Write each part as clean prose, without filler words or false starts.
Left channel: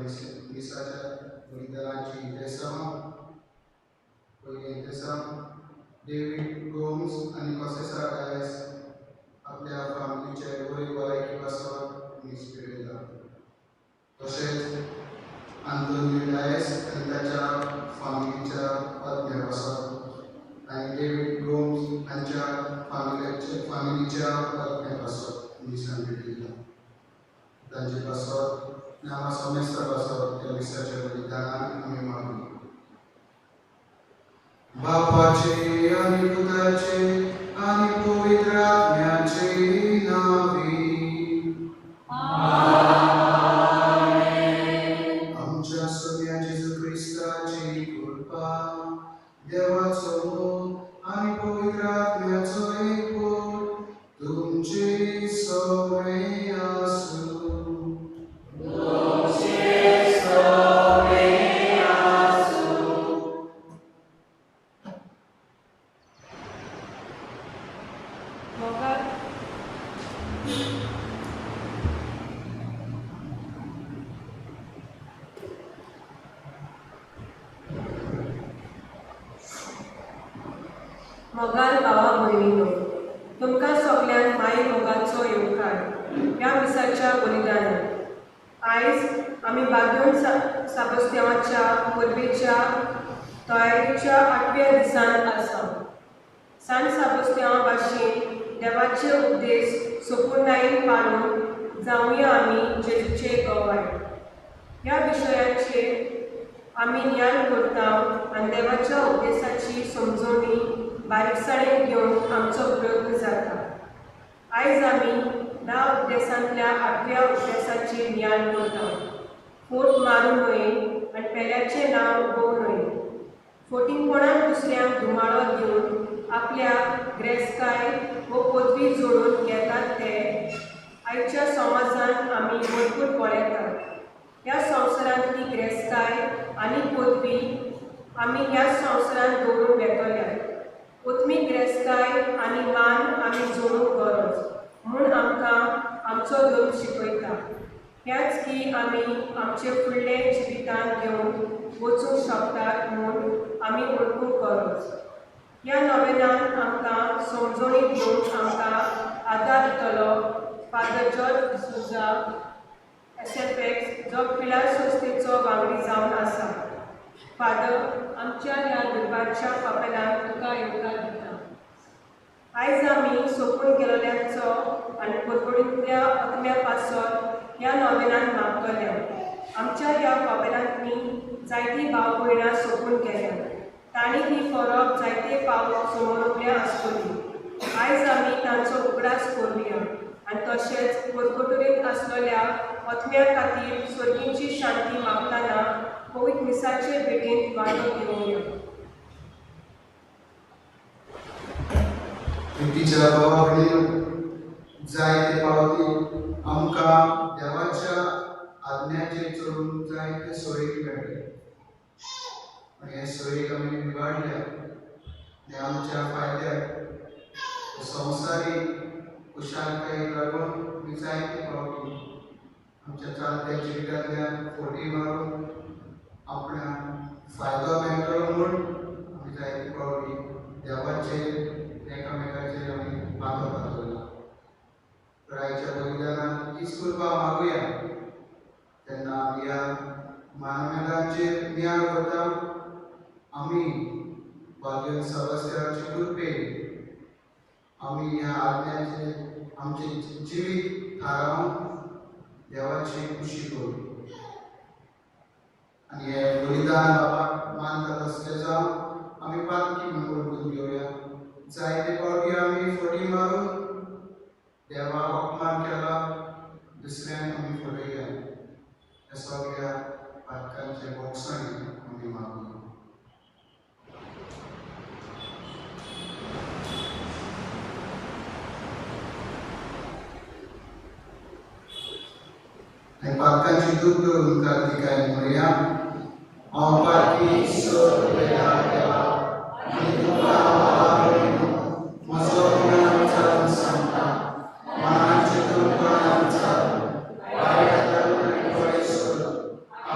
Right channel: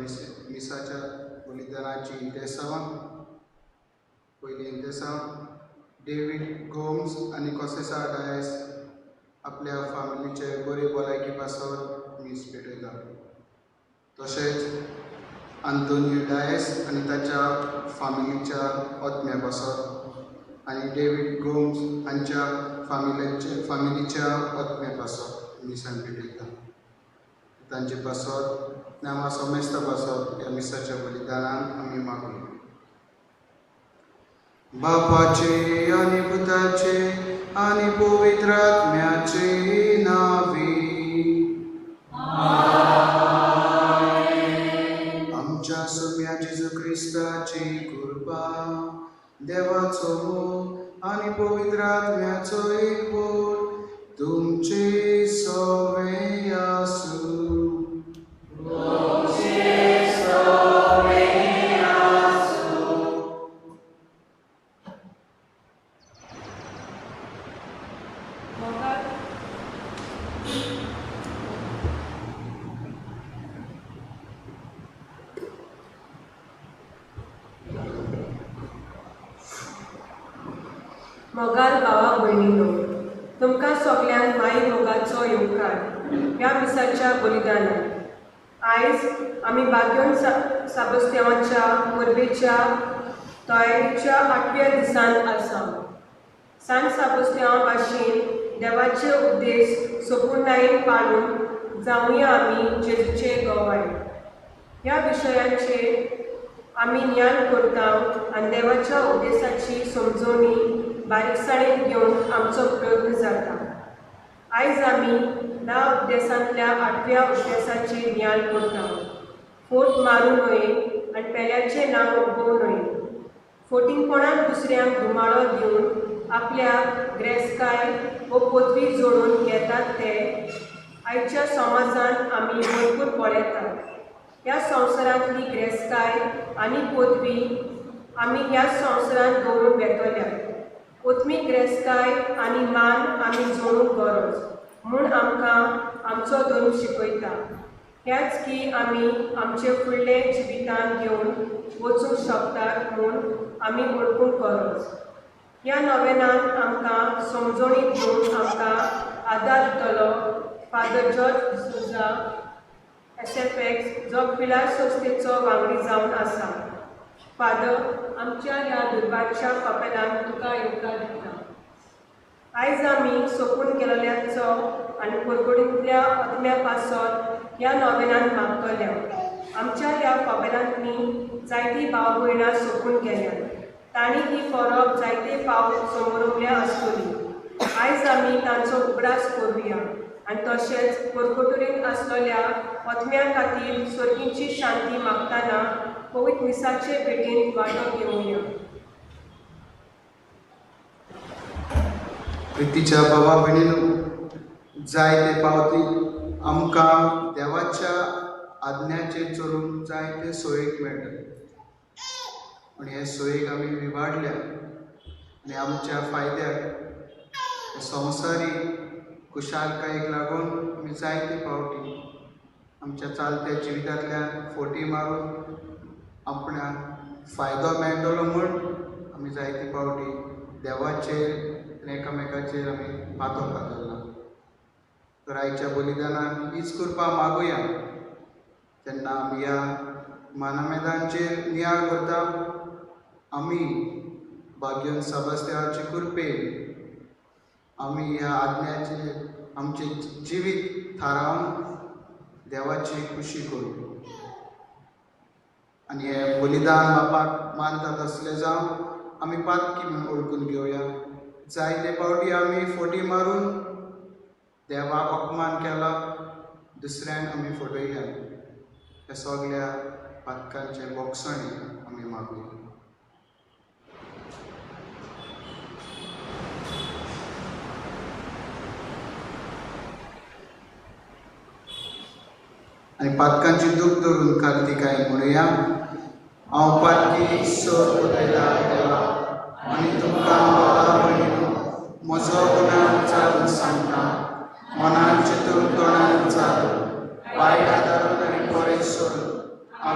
मिसाच्या बलिदानाची इंतेसांव पयली इंतेसांव डेव्हिड गोम्स आणि कॉसेसा डायस आपल्या फामिलीचे बरे भलायकी पासत मीस पेटयला. तशेंच आंतोनियो डायस आणि ताच्या फामिलीच्या आत्म्या पासत आणि डेव्हिड गोम्स हांच्या फामिलीच्या आत्म्या पासत मिसान पेटयला. तांचे पासत नामा समेस्त पासत ह्या मिसाच्या बलिदानान आमी मागली. बापाचे आणि पुताचे आणि पवित्र आत्म्याचे नावे आमच्या सोम्या जेजू ख्रिस्ताची कृपा देवाचो आणि पवित्र आत्म्याचो एकवट तुमचे सगळे आसूं. मोगाल भावा भयणीनो, तुमकां सगल्यांक माई मोगाचो येवकार ह्या मिसाच्या बलिदानाक. आयज आमी बागयोन साबस्त्यांवाच्या परबेच्या तयारीच्या 8व्या दिसान आसा. सांत साबस्त्यांवा भाशेन देवाचे उपदेश सोपुर्णायेन पाळून जावया आमी जेजूचे गोवाय. ह्या विशयांचेर आमी ज्ञान करता आनी देवाच्या उपदेशाची समजोवणी बारीकसाणेन घेवन आमचो प्रयत्न जाता. आयज आमी 10 उपदेशांतल्या 8व्या उपदेशाचेर ज्ञान करता. फोट मारूं न्हय आनी पेल्याचें नांव उगोवं न्हय. फोटिंगपणान दुसऱ्यांक धुमाळो दिवन आपल्या ग्रेस्काय वो पदवी जोडून घेतात ते आयच्या समाजांत आमी भरपूर पळयतात. ह्या संवसारांतली ग्रेस्काय आनी पदवी आमी ह्या संवसारांत दवरून बेतल्या. ओत्मीक ग्रेस्काय आनी मान आमी जोडूंक गरज म्हूण आमकां आमचो धर्म शिकयता. हेंच की आमी आमचे फुडले जिवितांत घेवन वचूंक शकतात म्हूण आमी ओळखूंक गरज. ह्या नोवेनांत आमकां समजोणी दिवंक आमकां आदार दितलो फादर जॉर्ज डिसोजा SFX जो पिलार संस्थेचो वांगडी जावन आसा. फादर, आमच्या ह्या दुर्भाच्या कपेलांत तुका येवकार दिता. आयज आमी सोपून गेलोल्यांचो आनी परगोडींतल्या आत्म्या पासत ह्या नोवेनांत मागतल्या. आमच्या ह्या कपेलांतलीं जायतीं भाव भयणां सोपून गेल्यात. तांणी ही फरक जायते फावट समोरवल्या आसतली. आयज आमी तांचो उगडास करुया आनी तशेंच परगोटुरेंत आसलेल्या आत्म्या खातीर स्वर्गीची शांती मागतना पवित्र मिसाचे भेटेंत वांटो घेवया. प्रितीच्या भावा भयणीनो, जायते पावटी आमकां देवाच्या आज्ञाचेर चलून जायते सोयीक मेळटा. पूण हे सोयीक आमी विवाडल्या आनी आमच्या फायद्याक संवसारीक खुशालकायेक लागून आमी जायते पावटी आमच्या चालत्या जिवितांतल्यान फोटी मारून आपणाक फायदो मेळटलो म्हूण आमी जायते पावटी देवाचेर एकामेकाचेर आमी मातो घालना. तर आयच्या बलिदानान हीच कृपा मागुया. तेन्ना आमी ह्या मानमेदांचेर नियाळ करता. आमी बागयोन साबस्त्यांवाचे कृपेन आमी ह्या आज्ञाचेर आमचें जिवीत थारावन देवाची खुशी करूं आनी हे बलिदान बापाक मानतात असले जावन आमी पातकी म्हणून ओळखून घेवया. जायते फावटी आमी फोटी मारून देवाक अपमान केला, दुसऱ्यांक आमी फटयल्या. हे सगळ्या पातकांचे बोगसणी आमी मागूया. आनी पातकांची दूख धरून कार्तिकाय म्हणुया. हांव पातकी सोदलेला देवा आनी तुका म्हजो गुणां चालून सांगता. मनान चिंतून कोणाक चालू वायट आदारून आनी पळय सोडून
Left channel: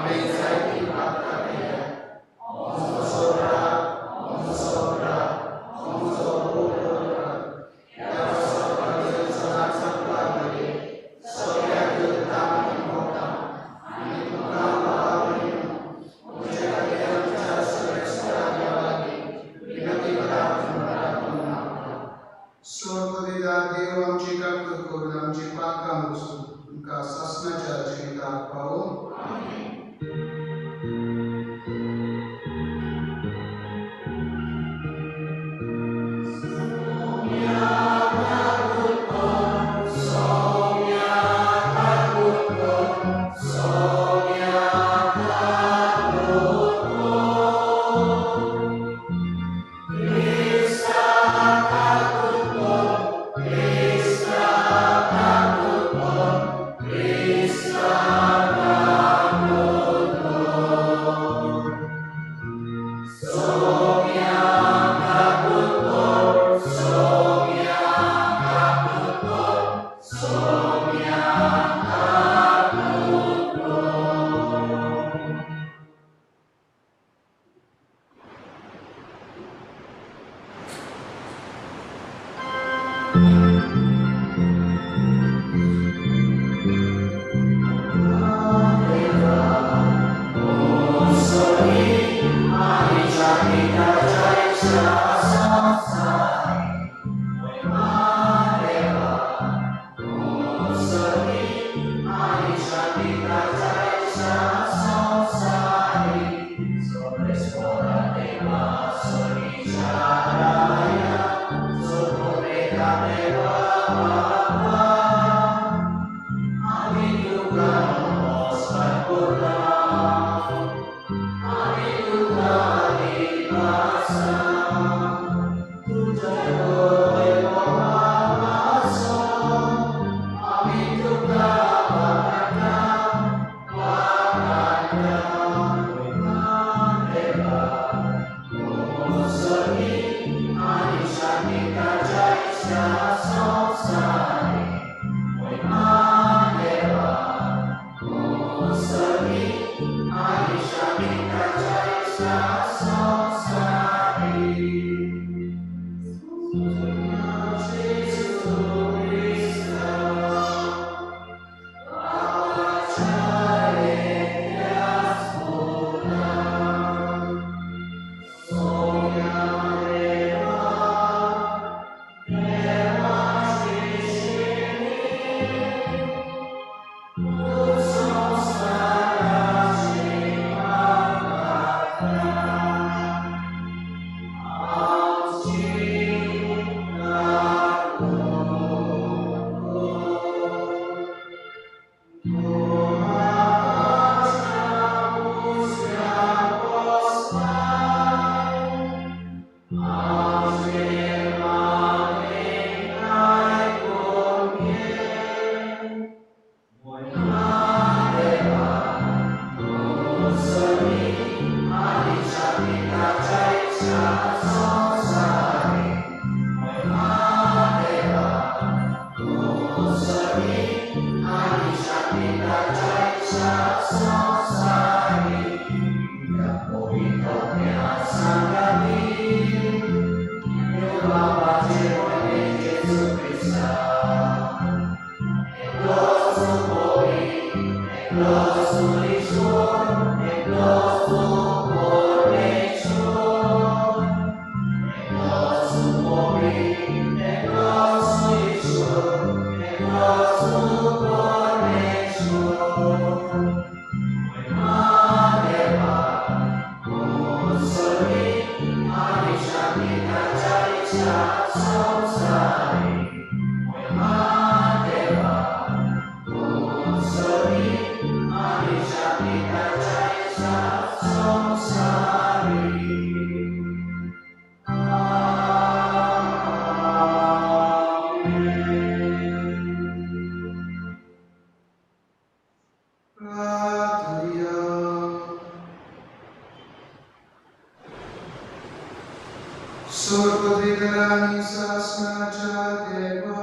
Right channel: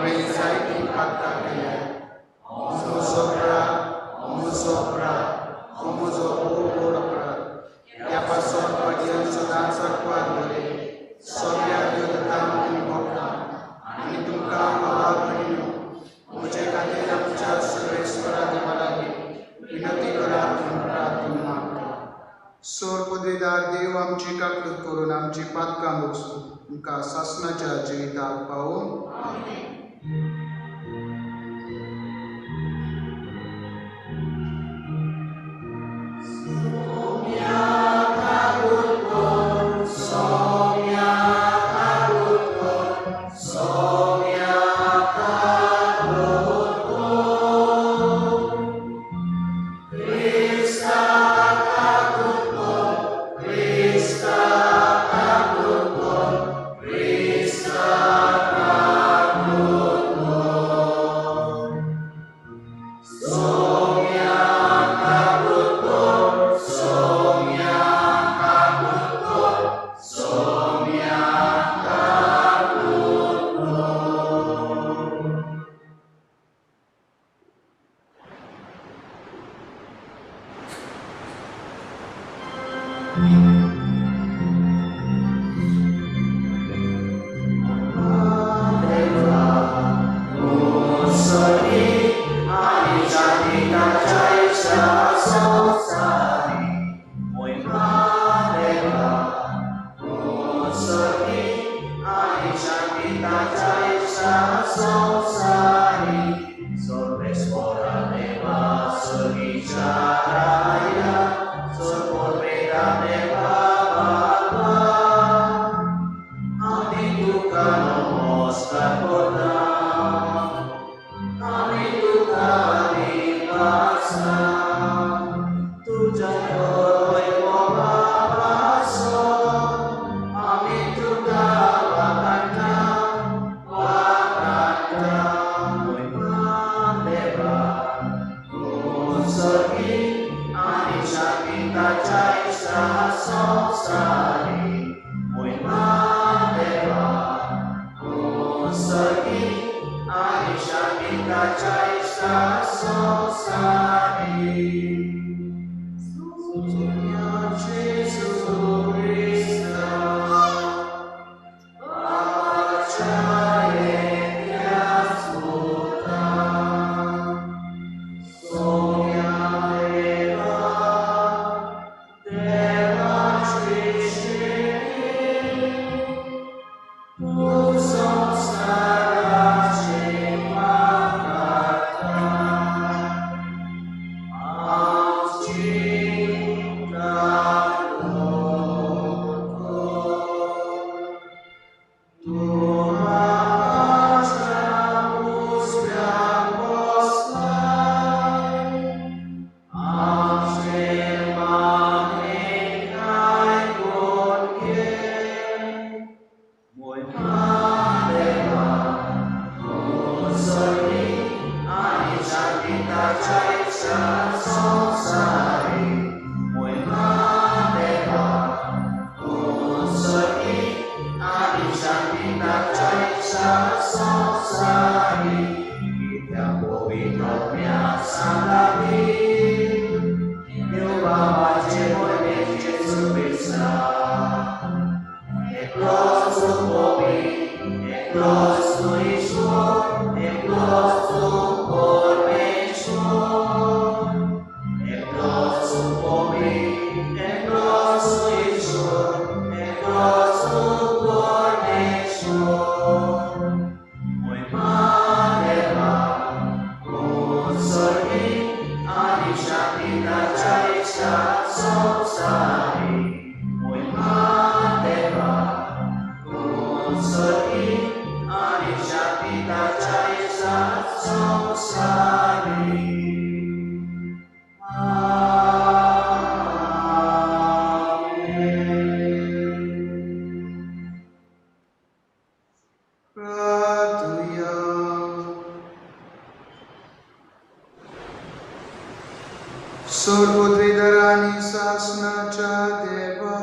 स्वर्गोद्विदरानी शासनाच्या देवा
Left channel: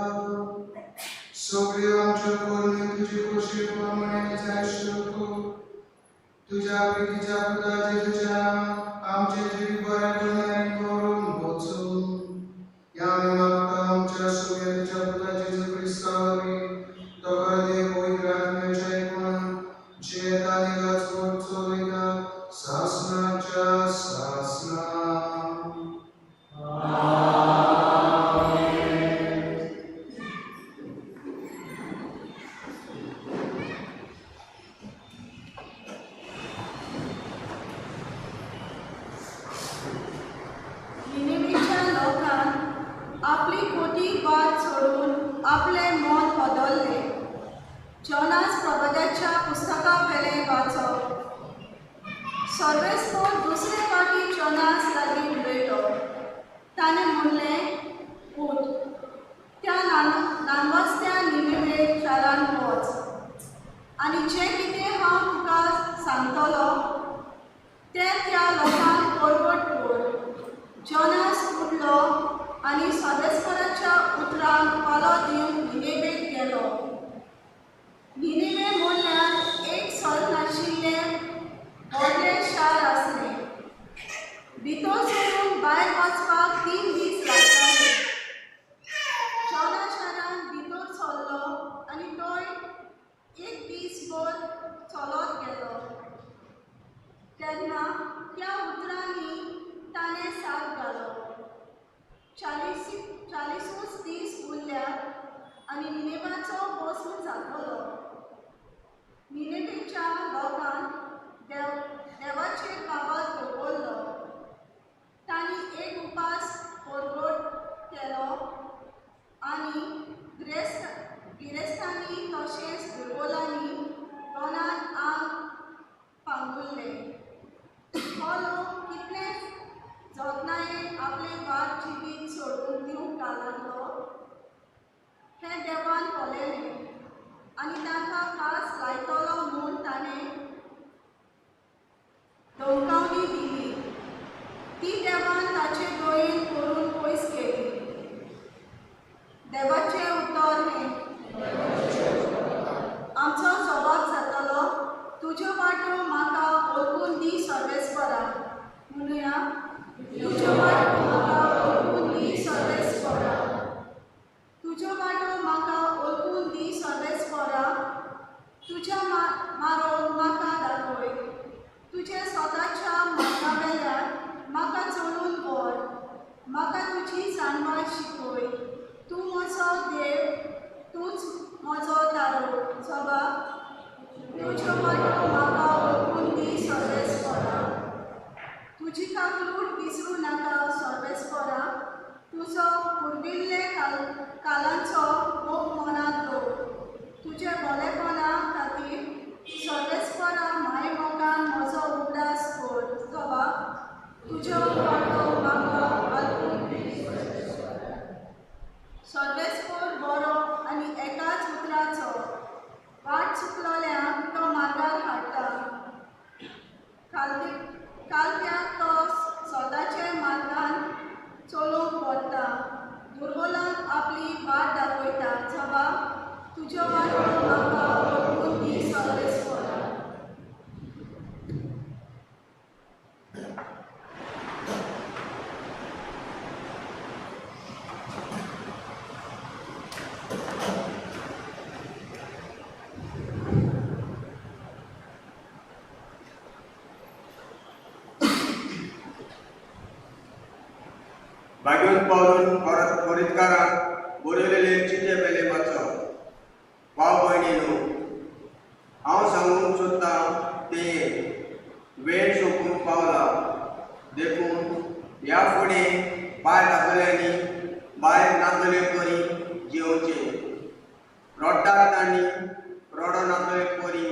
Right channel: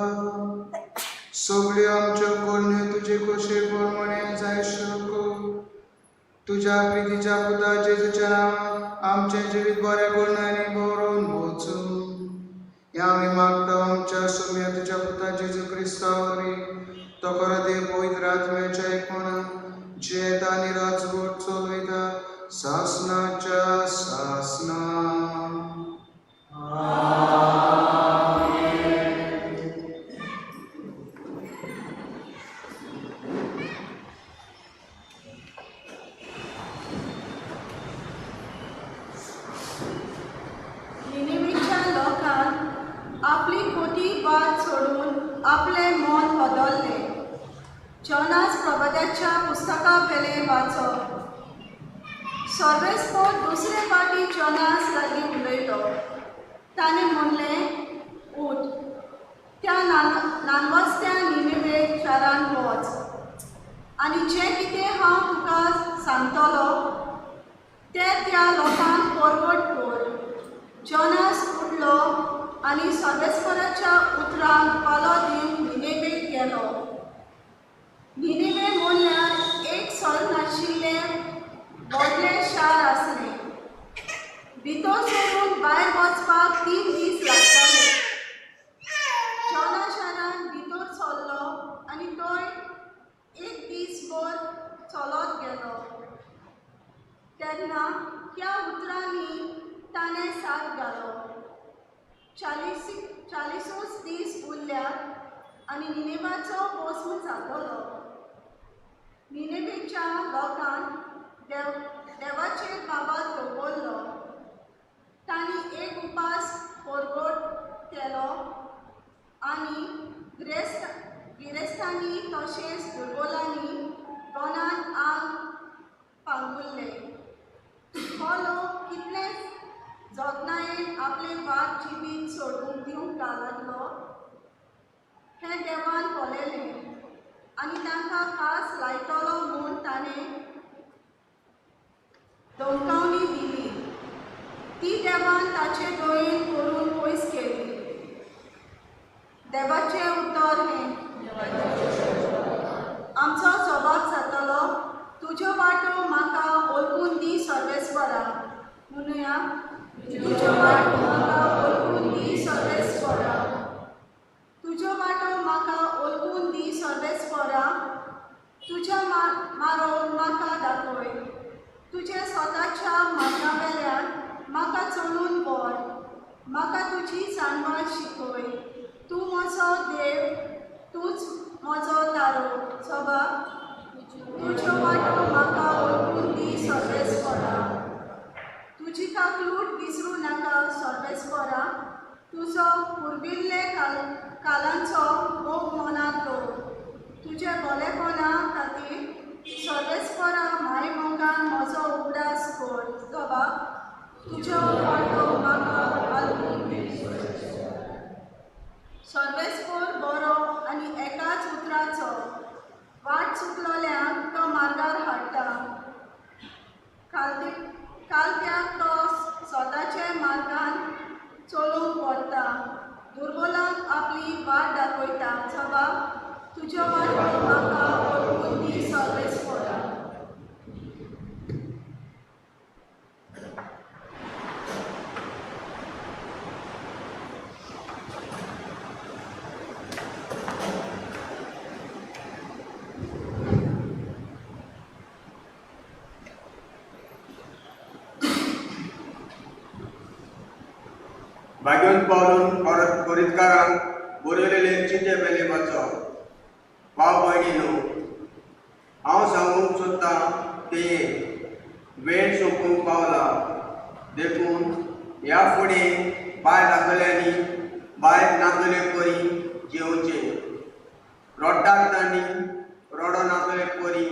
सगळी आमच्या कोणी तुझे कशे प्रमाणे जाय शकू तुझ्या प्रितीच्या पुता जेजूच्या आमचे जिवीत बरे करणारे करून वचून या आम्ही मागता आमच्या सगळ्या तुझ्या पुता जेजू ख्रिस्तावरी तो दे पवित्र आत्म्याच्या एकूण जे दानिराज रोड चलविता शासनाच्या शासना आपली खोटी वाद सोडून आपले मन बदलले जोनास प्रबोधाच्या पुस्तका वेले वाचप सर्वेस्पोर दुसरे फाटी जोनास लागीं उलयलो ताणें म्हणलें उठ त्या नानवस्त्या निनेवे शारांत वच आनी जें कितें हांव तुका सांगतलो तें त्या लोकांक परगट कर जोनास उठलो आनी सर्वेस्पराच्या उतराक पालो दिवंक निनेवेक गेलो निनेवे म्हणल्यार एक सर नाशिल्लें व्हडलें शार आसलें भितर सरून भायर वचपाक 3 दीस लागताले जोना शारान भितर सरलो आनी थंय एक दीसभर चलत गेलो तेन्ना त्या उतरांनी ताणें साथ घालो 40 दीस उरल्यात आनी निनेवाचो भस्म जातलो निनेवेच्या लोकांन देवाचेर बाबत दवरलो तांणी एक उपास परगट केलो आनी गिरेस्तांनी तशेंच दुर्बलांनी दोनांक आंग पांगुल्ले हो लोक कितलेंच जतनायेन आपले वाद जिवीत सोडून दिवंक लागलो हें देवान पळयलें आनी तांकां खास लायतलो म्हूण ताणें धमकावणी दिली ती देवान ताचे दोयेन करून पयस केली देवाचें उतर हें आमचो जबाब जातलो तुज्यो वाटो म्हाका ओळखून दी सर्वेस्परा म्हणूया तुझ्यो वाटो म्हाका ओळखून दी सर्वेस्परा तुझ्यो वाटो म्हाका ओळखून दी सर्वेस्परा तुझ्या मारो म्हाका दाखय तुझे स्वताच्या मार्गा वेल्यान म्हाका चलून व्हर म्हाका तुजी जाणवार शिकय तूं म्हजो देव तूंच म्हजो तारो सभा तुझ्यो वाटो म्हाका ओळखून दी सर्वेस्परा तुजी काकलूट विसरूं नाका सर्वेस्परा तुजो पुर्विल्ले कालांचो मोग मनांत दवर तुजे बरेपणा खातीर सर्वेस्परा माय मोगान म्हजो उगडास कर सभा तुज्यो वाटो म्हाका आलपून सर्वेस्पर बरो आनी एकाच उतराचो वाट चुकलोल्यांक तो मार्गार हाडटा कालत्याक तो स्वताचे मार्गान चलोवंक व्हरता दुर्बलांक आपली वाट दाखयता सभा तुज्यो वाटो म्हाका ओळखून दी सर्वेस्परा भाग्योन पावलून कोरितकारांक बरयलेले चिटे बेले वाचो भाव भयणीनो हांव सांगूंक सोदतां तें वेळ सोंपूंक पावला देखून ह्या फुडें बाय दाखयल्यांनी बाय नाचले परी जेवचें रडटात तांणी रडो नाचले परी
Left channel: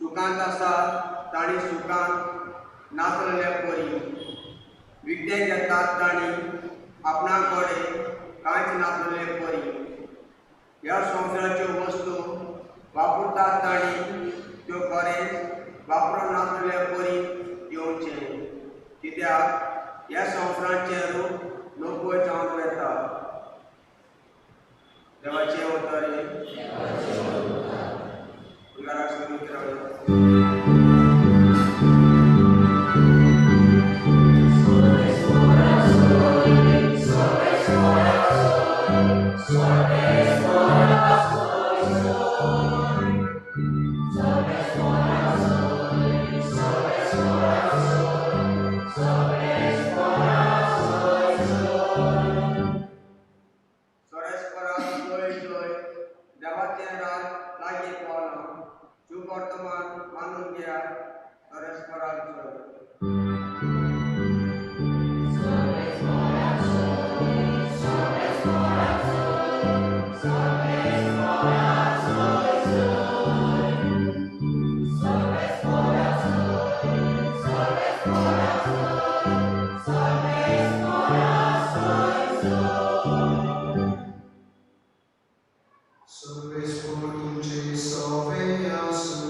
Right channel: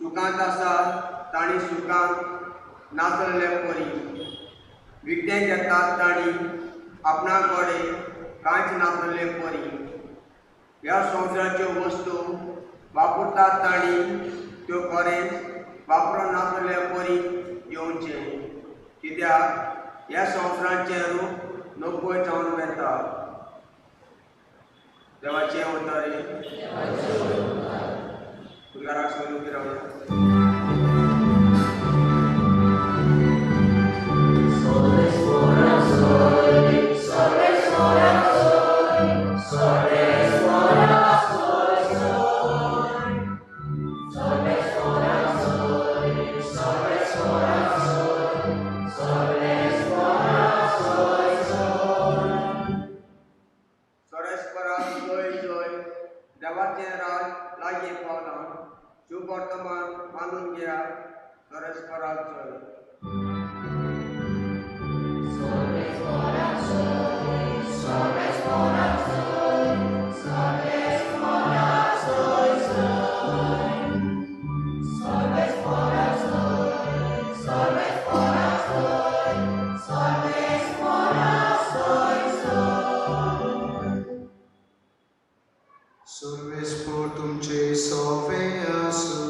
सुखांत आसा तांणी सुखांत नाचलेले परी विकतें घेतात तांणी आपणा कडेन कांयच नासलेले परी ह्या संवसाराच्यो वस्तू वापरतात तांणी त्यो खरेंच वापरून नासलेले परी येवचें कित्याक ह्या संवसाराचें रूप नोकूय जावन वेता देवाचें उतरे फुलकाराक सोडून रावया मानून घ्या सर्वेस्पराक जय सर्वेस्पर तुमचे सोवे आसूं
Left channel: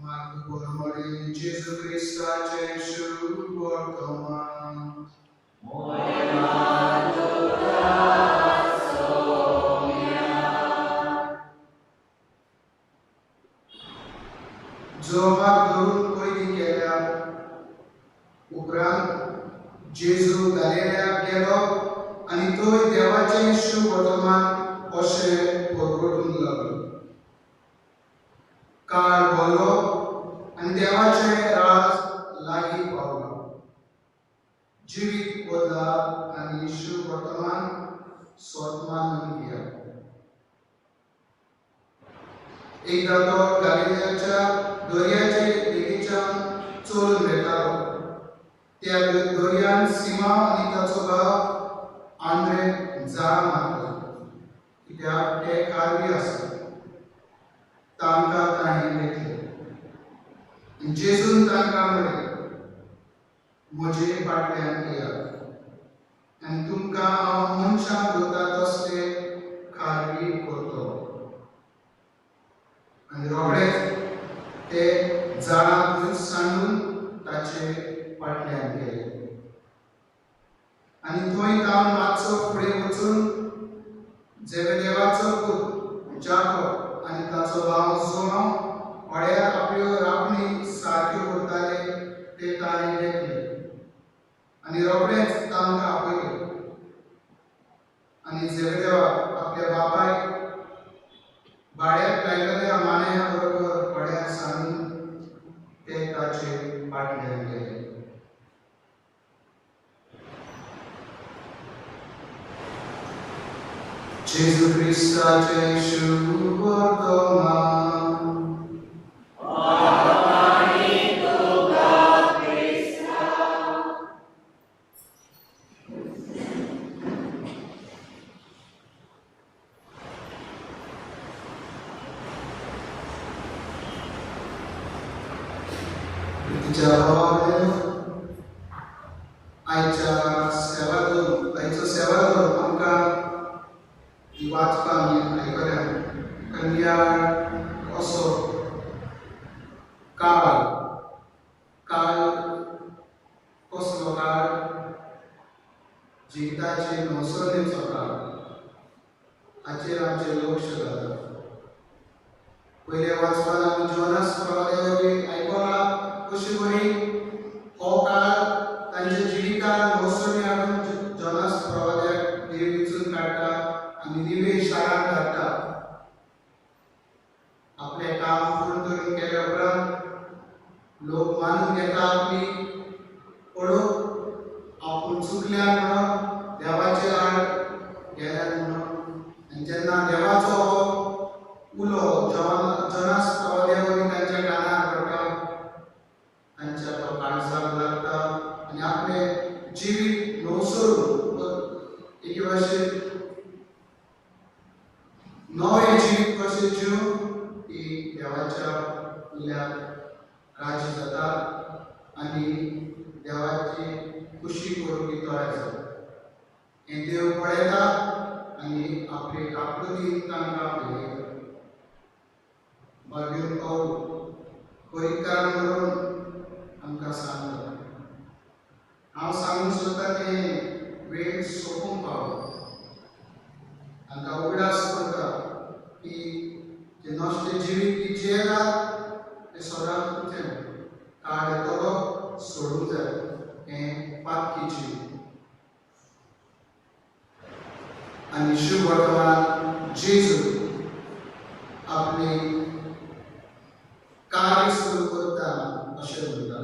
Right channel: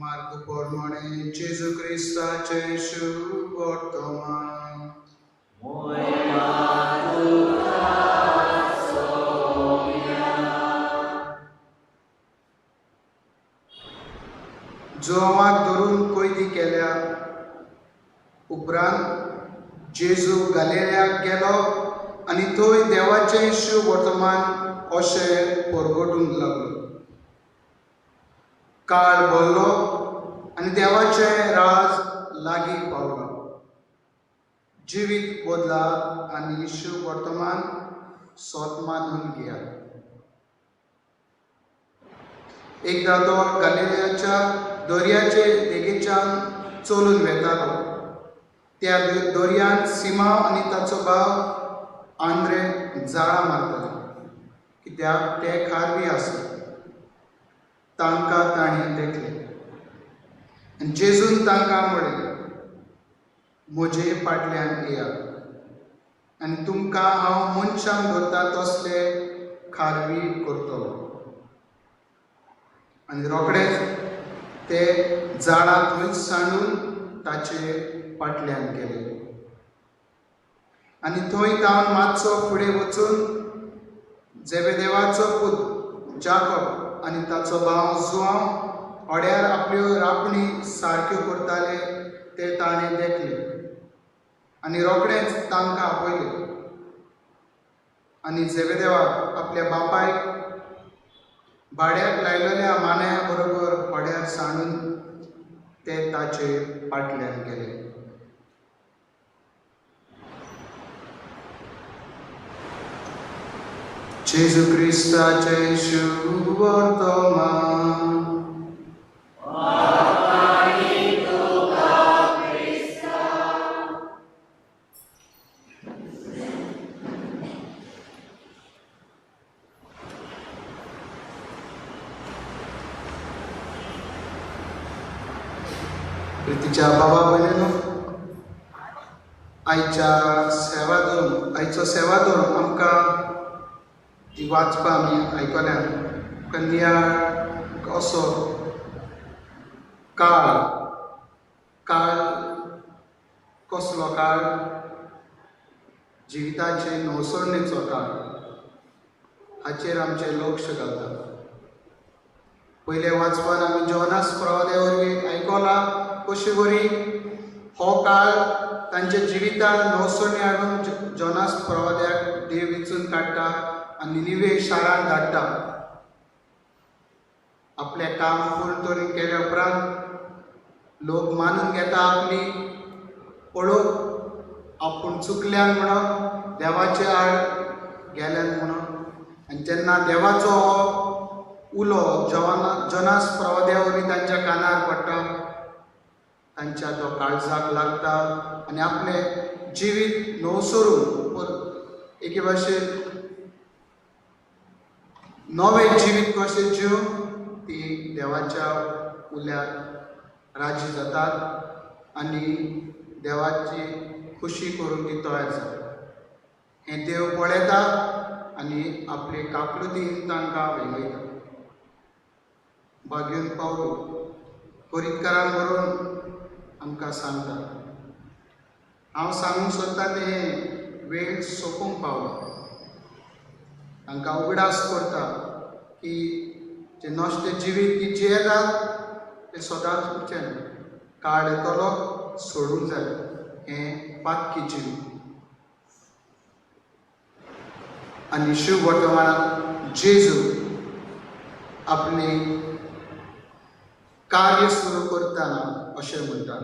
मार्ग प्रमाणे जेजू क्रिस्ताचे शुभ वर्तमान जोमाक धरून कैदी केल्या उपरांत जेजू गलिलेयाक गेलो आनी थंय देवाचें शुभ वर्तमान अशें परगटूंक लागलो काळ भरलो आनी देवाचें राज लागीं पावलो जिवीत बदला आनी शुभ वर्तमान सोत मानून घेया एकदां तो गलिलेयाच्या दर्याचे देगेच्यान चलून वेतालो त्या दर्यान सिमा आनी ताचो भाव आंद्रे जाळां मारताले कित्याक ते खारवी आसले तांकां ताणें देखले आनी जेजून तांकां म्हणलें म्हजे फाटल्यान येया आनी तुमकां हांव मनशांक करता तसले खारवी करतलो आनी रोखडेच ते झाडां थंयच सांडून ताचे फाटल्यान गेले आनी थंय तावन मातसो फुडें वचून जेबेदेवाचो पूत जाकोब आनी ताचो भाव जोआन आनी रोखडेंच तांकां आपयलें. आनी झेबेदेवा आपल्या बापायक भाड्याक लायलेल्या मान्या बरोबर भाड्यार सांडून ते ताचे फाटल्यान गेले. जेजू क्रिस्ताचे शुभ वर्तमान प्रितीच्या बाबा भयणीनो, आयचो सेवा धरून आमकां ती वाचपा आमी आयकल्या. कन्या असो काळ कसलो काळ, जिविताचे नवसरणेचो काळ, हाचेर आमचें लक्ष घालता. पयले वाचपान आमी जोनास प्रवादे वरवीं आयकलां कशी बरी हो काळ तांच्या जिवितान नवसरणी हाडून जोनास प्रवाद्याक देव वेंचून काडटा आनी निनिवे शारांत धाडटा. आपलें काम पुर्ण केल्या उपरांत लोक मानून घेता आपली पळोवप आपूण चुकल्या म्हणून देवाचे आड गेल्यात म्हणून. आनी जेन्ना देवाचो उलो जोनास प्रवाद्या वरवीं तांच्या कानार पडटा, तांच्या तो काळजाक लागता आनी आपलें जिवीत नवसरून एके भाशेन नवें जिवीत कशें जिवन ती देवाच्या उल्याक राजी जातात आनी देवाची खुशी करून ती तयार जाता. हें देव पळयता आनी आपली काकलुती तांकां वयता. भाग्यून पावलो कोरिंतकारांक बरोवन आमकां सांगता. हांव सांगूंक सोदतां तें वेळ सोंपूंक पावलो. तांकां उगडास करता की जें नश्ट जिवीत ती जियेतात तें सदांच उरचें ना. काळ येतलो सोडूंक जाय हें पातकी जिवीत. आनी शुभ वर्तमानांत जेजू आपली कार्य सुरू करतना अशें म्हणटा,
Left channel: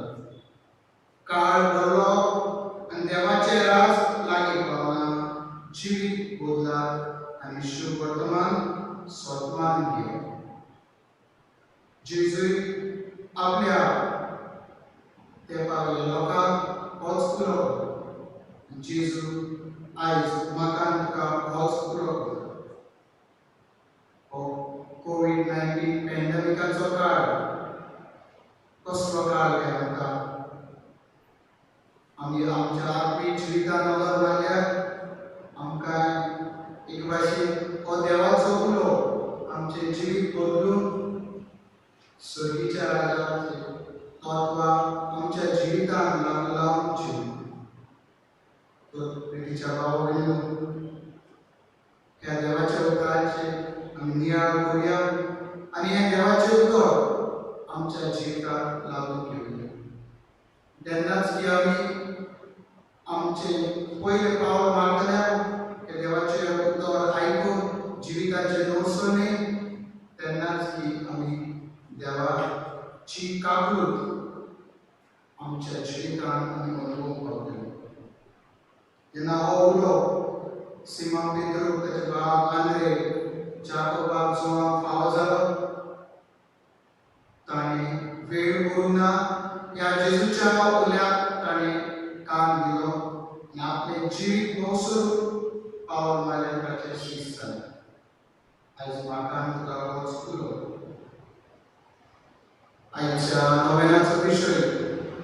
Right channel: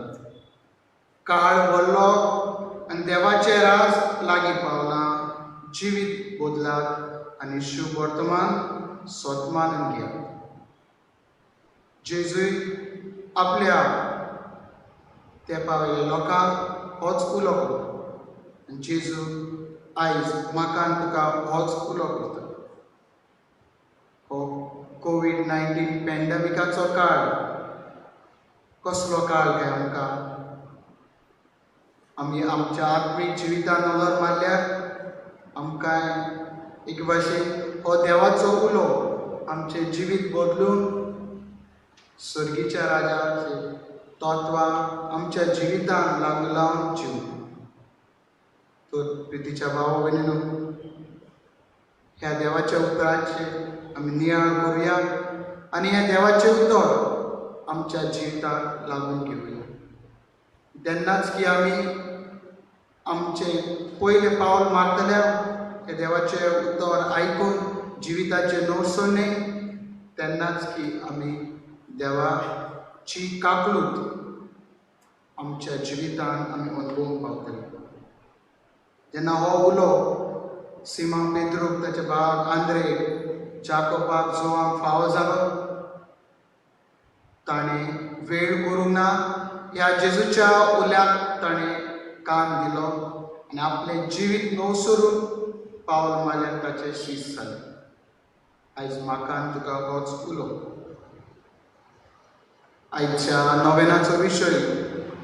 काळ व्हडलो आनी देवाचें राज लागीं पावना. जिवीत बदलात आनी शुभ वर्तमान सोतमान घेया. जेजूय आपल्या तेंपा वयल्या लोकांक होच उलो करता. जेजू आयज म्हाका आनी तुका होच उलो करता. हो कोविड-19 पॅन्डेमिकाचो काळ कसलो काळ गे आमकां. आमी आमच्या आत्मीय जिवितान नदर मारल्यार आमकां एक भाशेन हो देवाचो उलो आमचें जिवीत बदलून सर्गीच्या राजाचें तत्वां आमच्या जिवितान लागू लावन जिवूं. तर प्रितीच्या भाव भयणीनो, ह्या देवाच्या उतराचे आमी नियाळ करुया आनी हें देवाचें उतर आमच्या जिविताक लागून घेवया. तेन्नाच की आमी आमचें पयलें पावल मारतल्या हे देवाचें उतर आयकून जिविताचे नवसरणे, तेन्नाच की आमी देवाची काकलूत आमच्या जिवितान आमी अनुभवूंक पावतले. जेन्ना हो उलो सिमोन पेद्रूक ताचे भाव आंद्रे जाकोबाक जोआंक फावो जालो, ताणें वेळ करूंक ना. ह्या जेजूच्या उल्याक ताणें कान दिलो आनी आपलें जिवीत नवसरून पावल मारल्यार ताचें शीस जालें. आयज म्हाका आनी तुका होच उलो. आयच्या नोवेनाचो विशय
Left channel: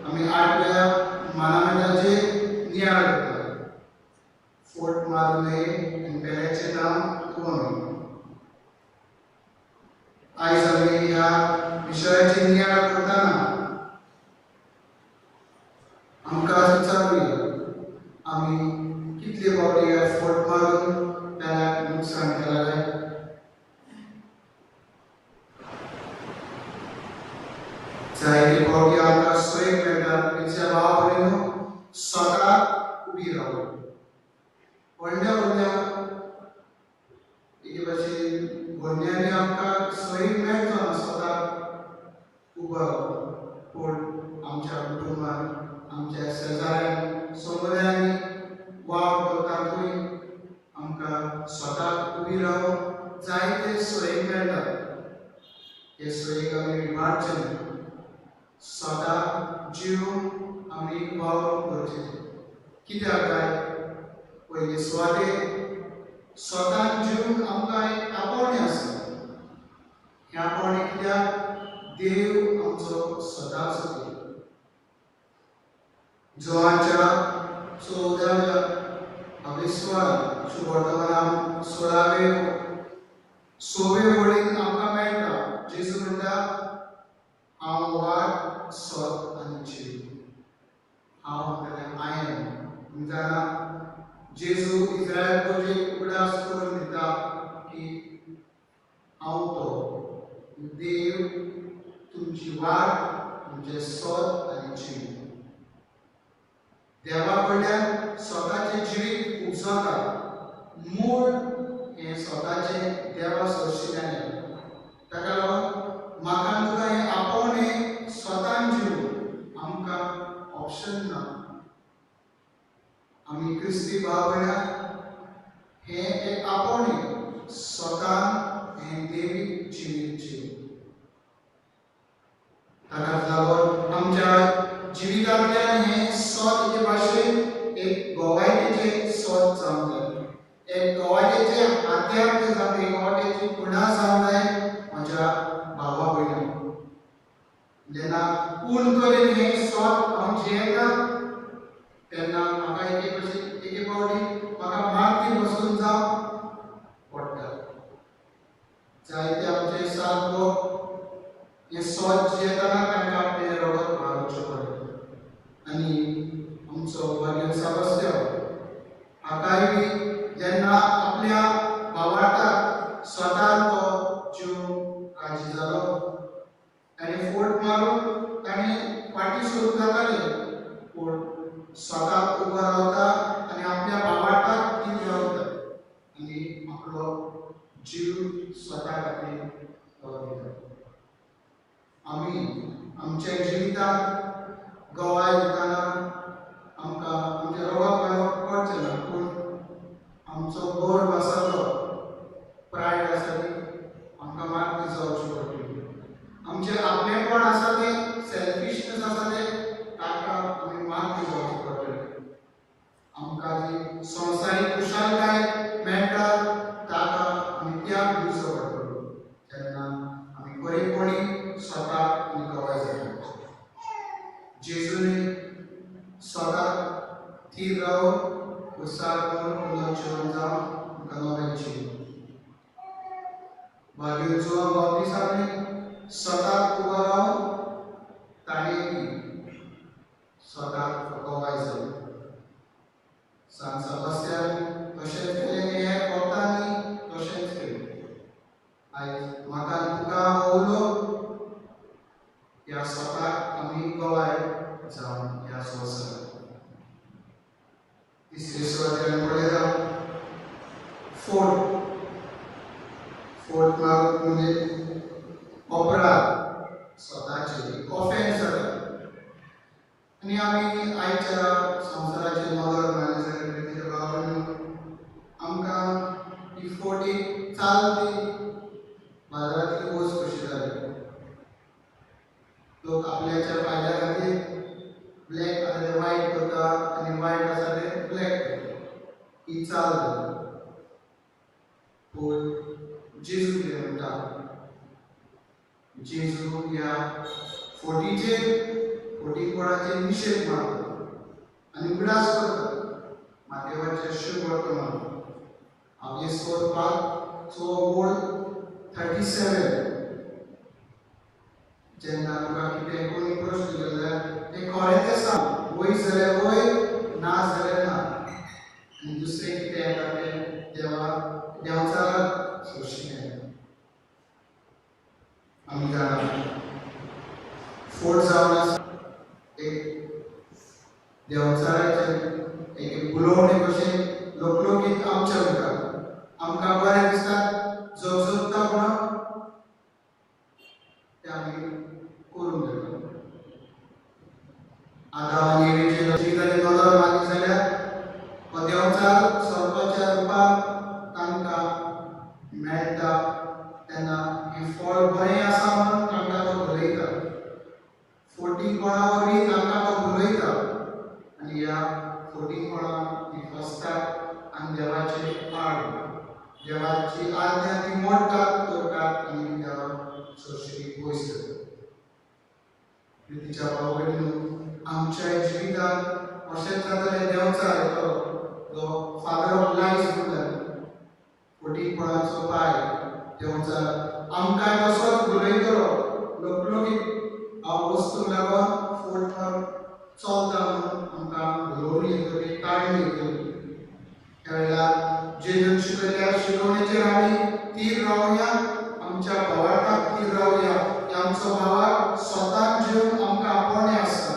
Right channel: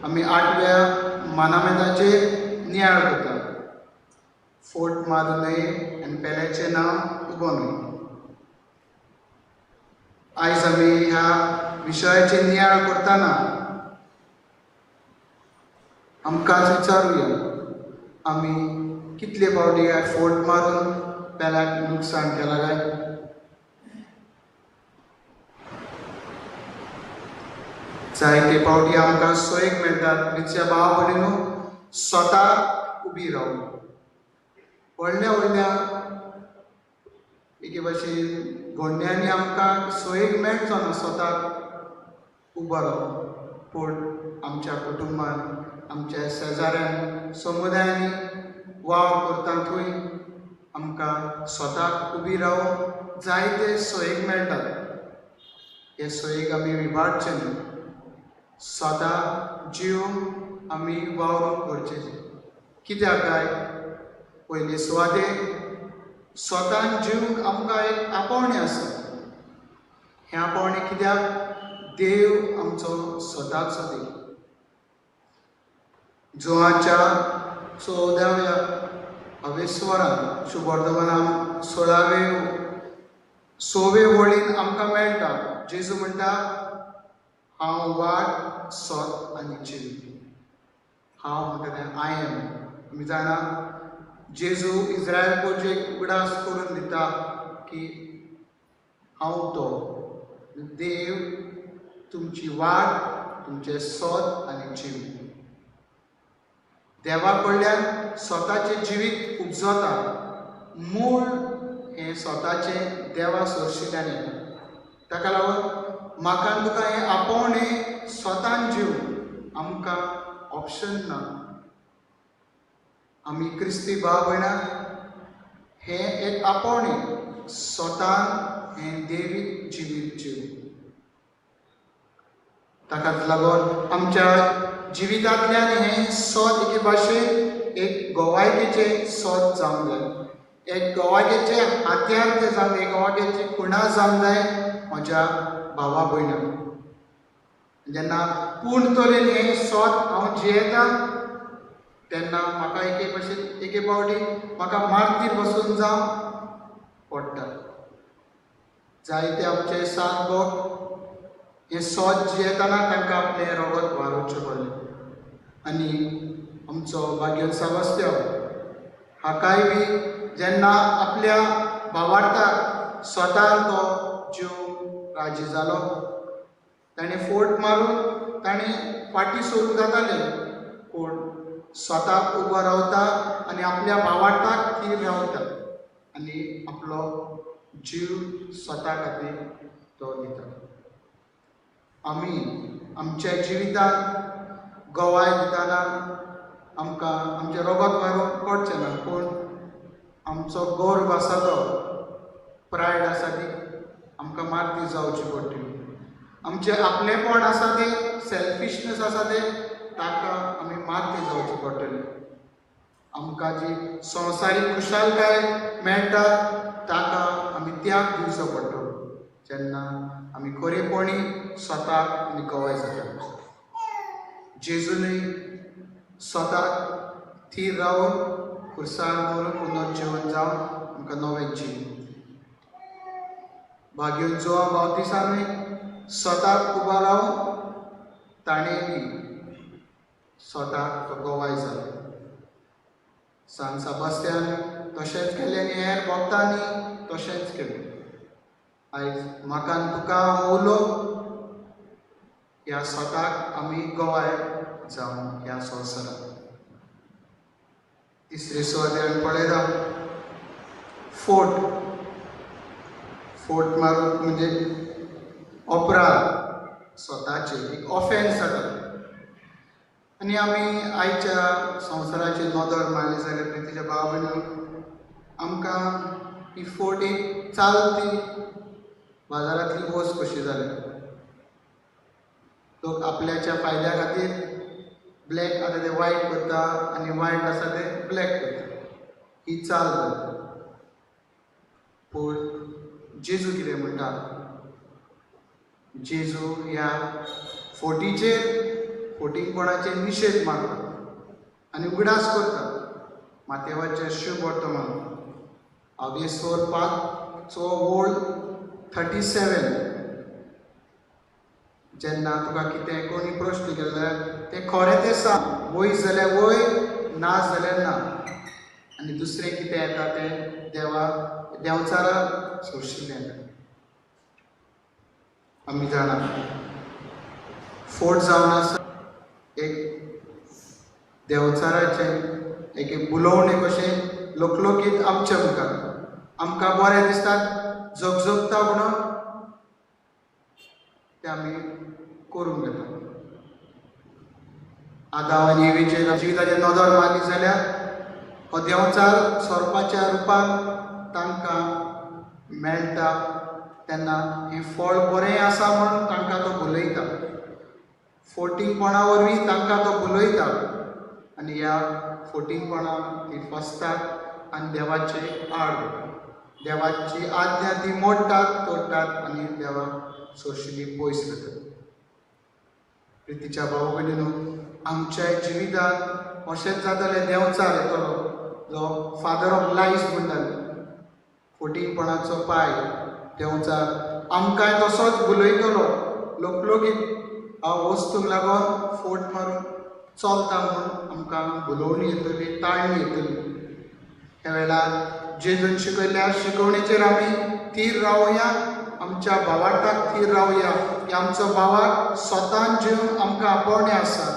आमी 8व्या मानामेदाचेर नियाळ करता. फोट मारूं नये आनी पेल्याचें नांव उगों नये. आयज आमी ह्या विशयाचेर नियाळ करतना आमकां विचारुया, आमी कितले फावटी ह्या फोट मारून पेल्याक लुकसाण केलां काय. जायते फावटी आमकां सोयेक मेळटात. प्रितीच्या भाव भयणीनो, स्वता उबी रावली. व्हडल्या व्हडल्या एके भाशेन घोडण्यांनी आमकां सोयेक मेळचो ना स्वताक उबो रावप, पूण आमच्या कुटुंबान आमच्या शेजाऱ्यान समुदायांनी वावर करता थंय आमकां स्वताक उबी रावूंक जायते सोयेक मेळटात. हे सोयेक आमी विबाडचे न्ही. स्वता जिवन आमी वावरूंक करचें. कित्याक काय पयले सुवातेक स्वतान जिवंक आमकां एक आपोवणें आसा. हें आपोवणें कित्याक देव आमचो स्वताचो देव. जुवांच्या 14व्या हवेस्वरान शुभवर्तमानांत 16वे वळीन आमकां मेळटा. जेजू म्हणटा, हांव वाट, सोत आनी जिवीत. हांव म्हणटा तें आय एम. तुमी जाणा जेजू इस्रायल प्रजेक उगडास करून दिता की हांव तो देव, तुमची वाट, तुमचें सोत आनी जिवीत. देवा कडल्यान स्वताचें जिवीत उपजता. मूळ हें स्वताचें देवा सोर्शिल्ल्यान येता. ताका लागून म्हाका आनी तुका हें आपोवणें स्वतान जिवूंक आमकां ऑप्शन ना. आमी क्रिस्ती भाव भयणां हें एक आपोवणें स्वतान हें देवीक जिवीत जिवूंक. ताकाच लागून आमच्या जिवितांतल्यान हें सोत एके भाशेन एक गोवायटेचें सोत जावंक जाय. एक गोवायटेचें हात्यार तें जावंक जाय. एक गोवायटेची खुणा जावंक जाय म्हज्या भावा भयणां. जेन्ना पूर्ण तरेन हें सोत हांव जियेता तेन्ना म्हाका एके भाशेन एके फावटी म्हाका मारती बसून जावं पडटा. जायते आमचे सात भोग हें सोत जियेतना तांकां आपलें रगत व्हांवचें पडलें. आनी आमचो भाग्य सेबास्त्यांव हाकाय बी जेन्ना आपल्या भावार्थाक स्वतान तो जीव राजी जालो, ताणें फोट मारून ताणें फाटीं सरून जातालें, पूण स्वताक उबो रावता आनी आपल्या भावार्थाक ती मेळटा आनी आपलो जीव स्वता खातीर तो दिता. आमी आमच्या जिवितांत गोवाय दितना आमकां आमचें रगत व्हांवप पडचें ना, पूण आमचो गर्व आसा तो प्रायड आसा ती आमकां मारती जावची पडटली. आमचें आपलेंपण आसा तें सेल्फिशनेस आसा तें ताका आमी मारती जावची पडटली. आमकां जी संवसारीक खुशालकाय मेळटा ताका आमी त्याग दिवचो पडटलो जेन्ना आमी खरेपणी स्वताक आनी गोवाय जाता. जेजूनय स्वताक थीर रावन खुर्सार करून पुनर्जीवन जावन आमकां नवें जीवन. भाग्य जुवा बावतिसानूय स्वताक उबो रावन ताणें बी स्वताक गोवाय जालो. सान सेबास्त्यान तशेंच केलें आनी हेर भक्तांनी तशेंच केलें. आयज म्हाका आनी तुका उलो ह्या स्वताक आमी गोवाय जावन ह्या संवसारांत. तिसरे सुवातेर पळयता फोट. फोट मारूंक म्हणजे अपराध स्वताचे एक ऑफेन्स जाता. आनी आमी आयच्या संवसाराची नदर मारली जाल्यार प्रितीच्या भाव भयणीं आमकां ही फोट एक चालती बाजारांतली वस्त कशी जाली. लोक आपल्याच्या फायद्या खातीर ब्लॅक आसा ते वायट करता आनी वायट आसा ते ब्लॅक करता. ही चाल जाता. पूण जेजू कितें म्हणटा? जेजू ह्या फोटींगपणाचेर निशेध मारता आनी उगडास करता. माथेवाचें शुभ वर्तमान 5 37 जेन्ना तुका कितें कोणी प्रश्न केलो जाल्यार तें खरें तें सांग. वय जाल्यार वय, ना जाल्यार ना. आनी दुसरें कितें येता तें देंवचाराक सोडशिल्लें येता. आमी जाणा फोट जावन आसा एक देवचाराचे एक बुलोवणे कशें लोकलोकीत आमचे आमकां बरें दिसता जगजगता म्हणून तें आमी करूंक जाय. आदाम आनी एवेचे जिविताचें नदर मारली जाल्यार हो देंवचार सोरपाच्या रुपान तांकां मेळटा तेन्ना हें फळ बरें आसा म्हणून तांकां तो भुलयता. फोटींगपणा वरवीं तांकां तो भुलयता आनी ह्या फोटींगपणान ती फसतात आनी देवाचे आड देवाची आज्ञा ती मोडटात तोडटात आनी देवाक सोडशिली पयस जातात. प्रितीच्या भाव भयणीनो, आमच्या जिवितांत अशेंच जातालें देंवचार येतलो जो फादर ऑफ लायज म्हणटाले. फोटींगपणाचो पाय देंवचार आमकांय तसोच भुलयतलो. लोकलोकीत वस्तूंक लागून फोट मारून चलता म्हणून आमकां भुलोवणी येतली, ताळणी येतली. ह्या वेळार जेजून शिकयल्या शिकवणेचेर आमी थीर रावया, आमच्या भावार्थाक थीर रावया की आमचो भावाक स्वतान जिवन आमकां आपोवणें आसा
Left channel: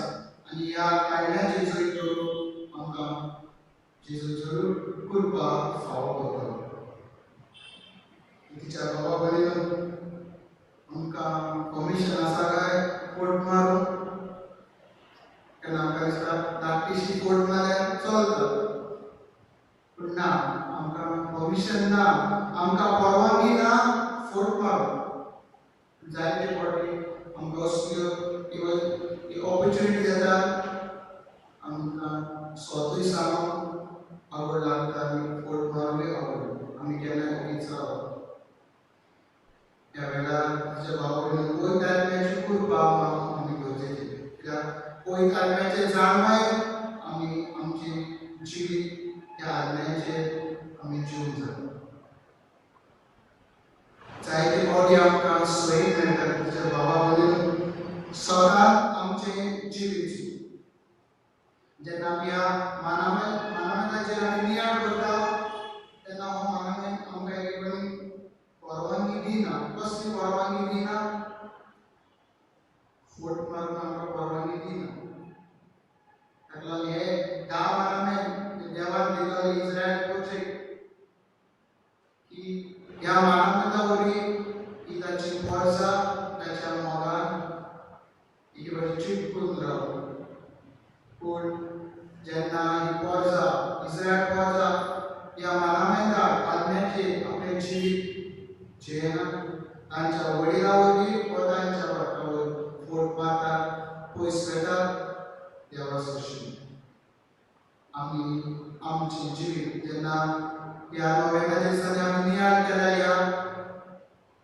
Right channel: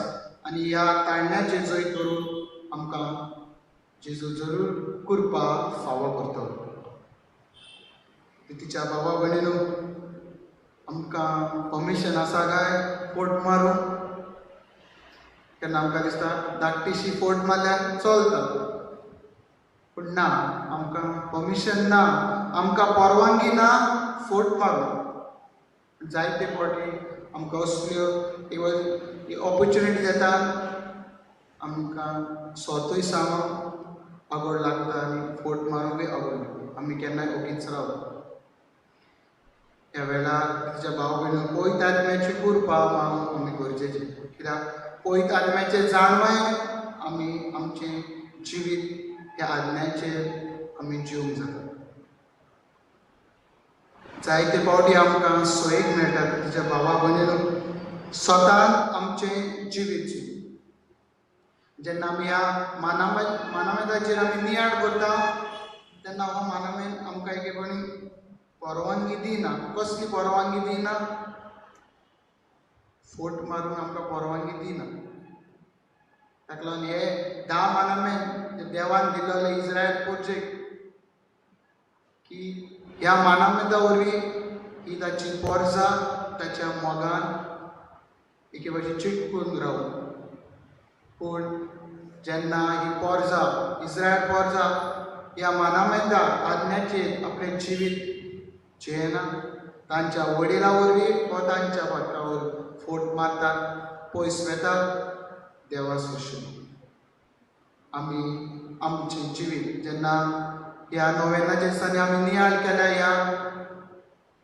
आनी ह्या ताळण्याचे जैत करून आमकां जेजू जरूर कृपा फावो करतलो. तिच्या बाबा भयणीनो, आमकां परमिशन आसा काय फोट मारूंक? तेन्ना आमकां दिसता धाकटीशी फोट मारल्यार चलता, पूण ना, आमकां परमिशन ना, आमकां परवानगी ना फोट मारूंक. जायते फावटी आमकां असल्यो इवन ऑपॉर्च्युनिटी येता आमकां स्वतूय सांगूंक आवड लागता आनी फोट मारूंकय आवड. आमी केन्नाय ओगीच रावता. ह्या वेळार तिच्या भाव भयणीक पयत आत्म्याची कृपा मागूंक आमी गरजेचें. कित्याक पयत आत्म्याचें जाणवाय आमी आमचें जिवीत ह्या आज्ञाचेर आमी जिवंक जाय. जायते फावटी आमकां सोयेक मेळटा तिच्या भावा भयणीक स्वतान आमचें जिवीत जेन्ना आमी ह्या मानामेदाचेर आमी नियाळ करता तेन्ना हो मानामेद आमकां एकेपणी परवानगी दिना. कसली परवानगी दिना? फोट मारूंक आमकां परवानगी दिना. ताका लागून हे 10 मानामेद देवान दिल्ले इस्रायल प्रोजेक्ट की ह्या मानामेदा वरवीं ही ताची पोरजां ताच्या मोगान एके भाशेन चिटकून रावप. पूण जेन्ना ही पोरजां इस्रायल पोरजां ह्या मानामेदा आज्ञाचेर आपलें जिवीत जियेना, तांच्या वडिलां वरवीं वा तांच्या भटका वरवीं फोट मारतात, पयस वेतात देवा सोडशील. आमी आमचें जिवीत जेन्ना ह्या नोवेनाच्या दिसांनी आमी नियाळ केल्या ह्या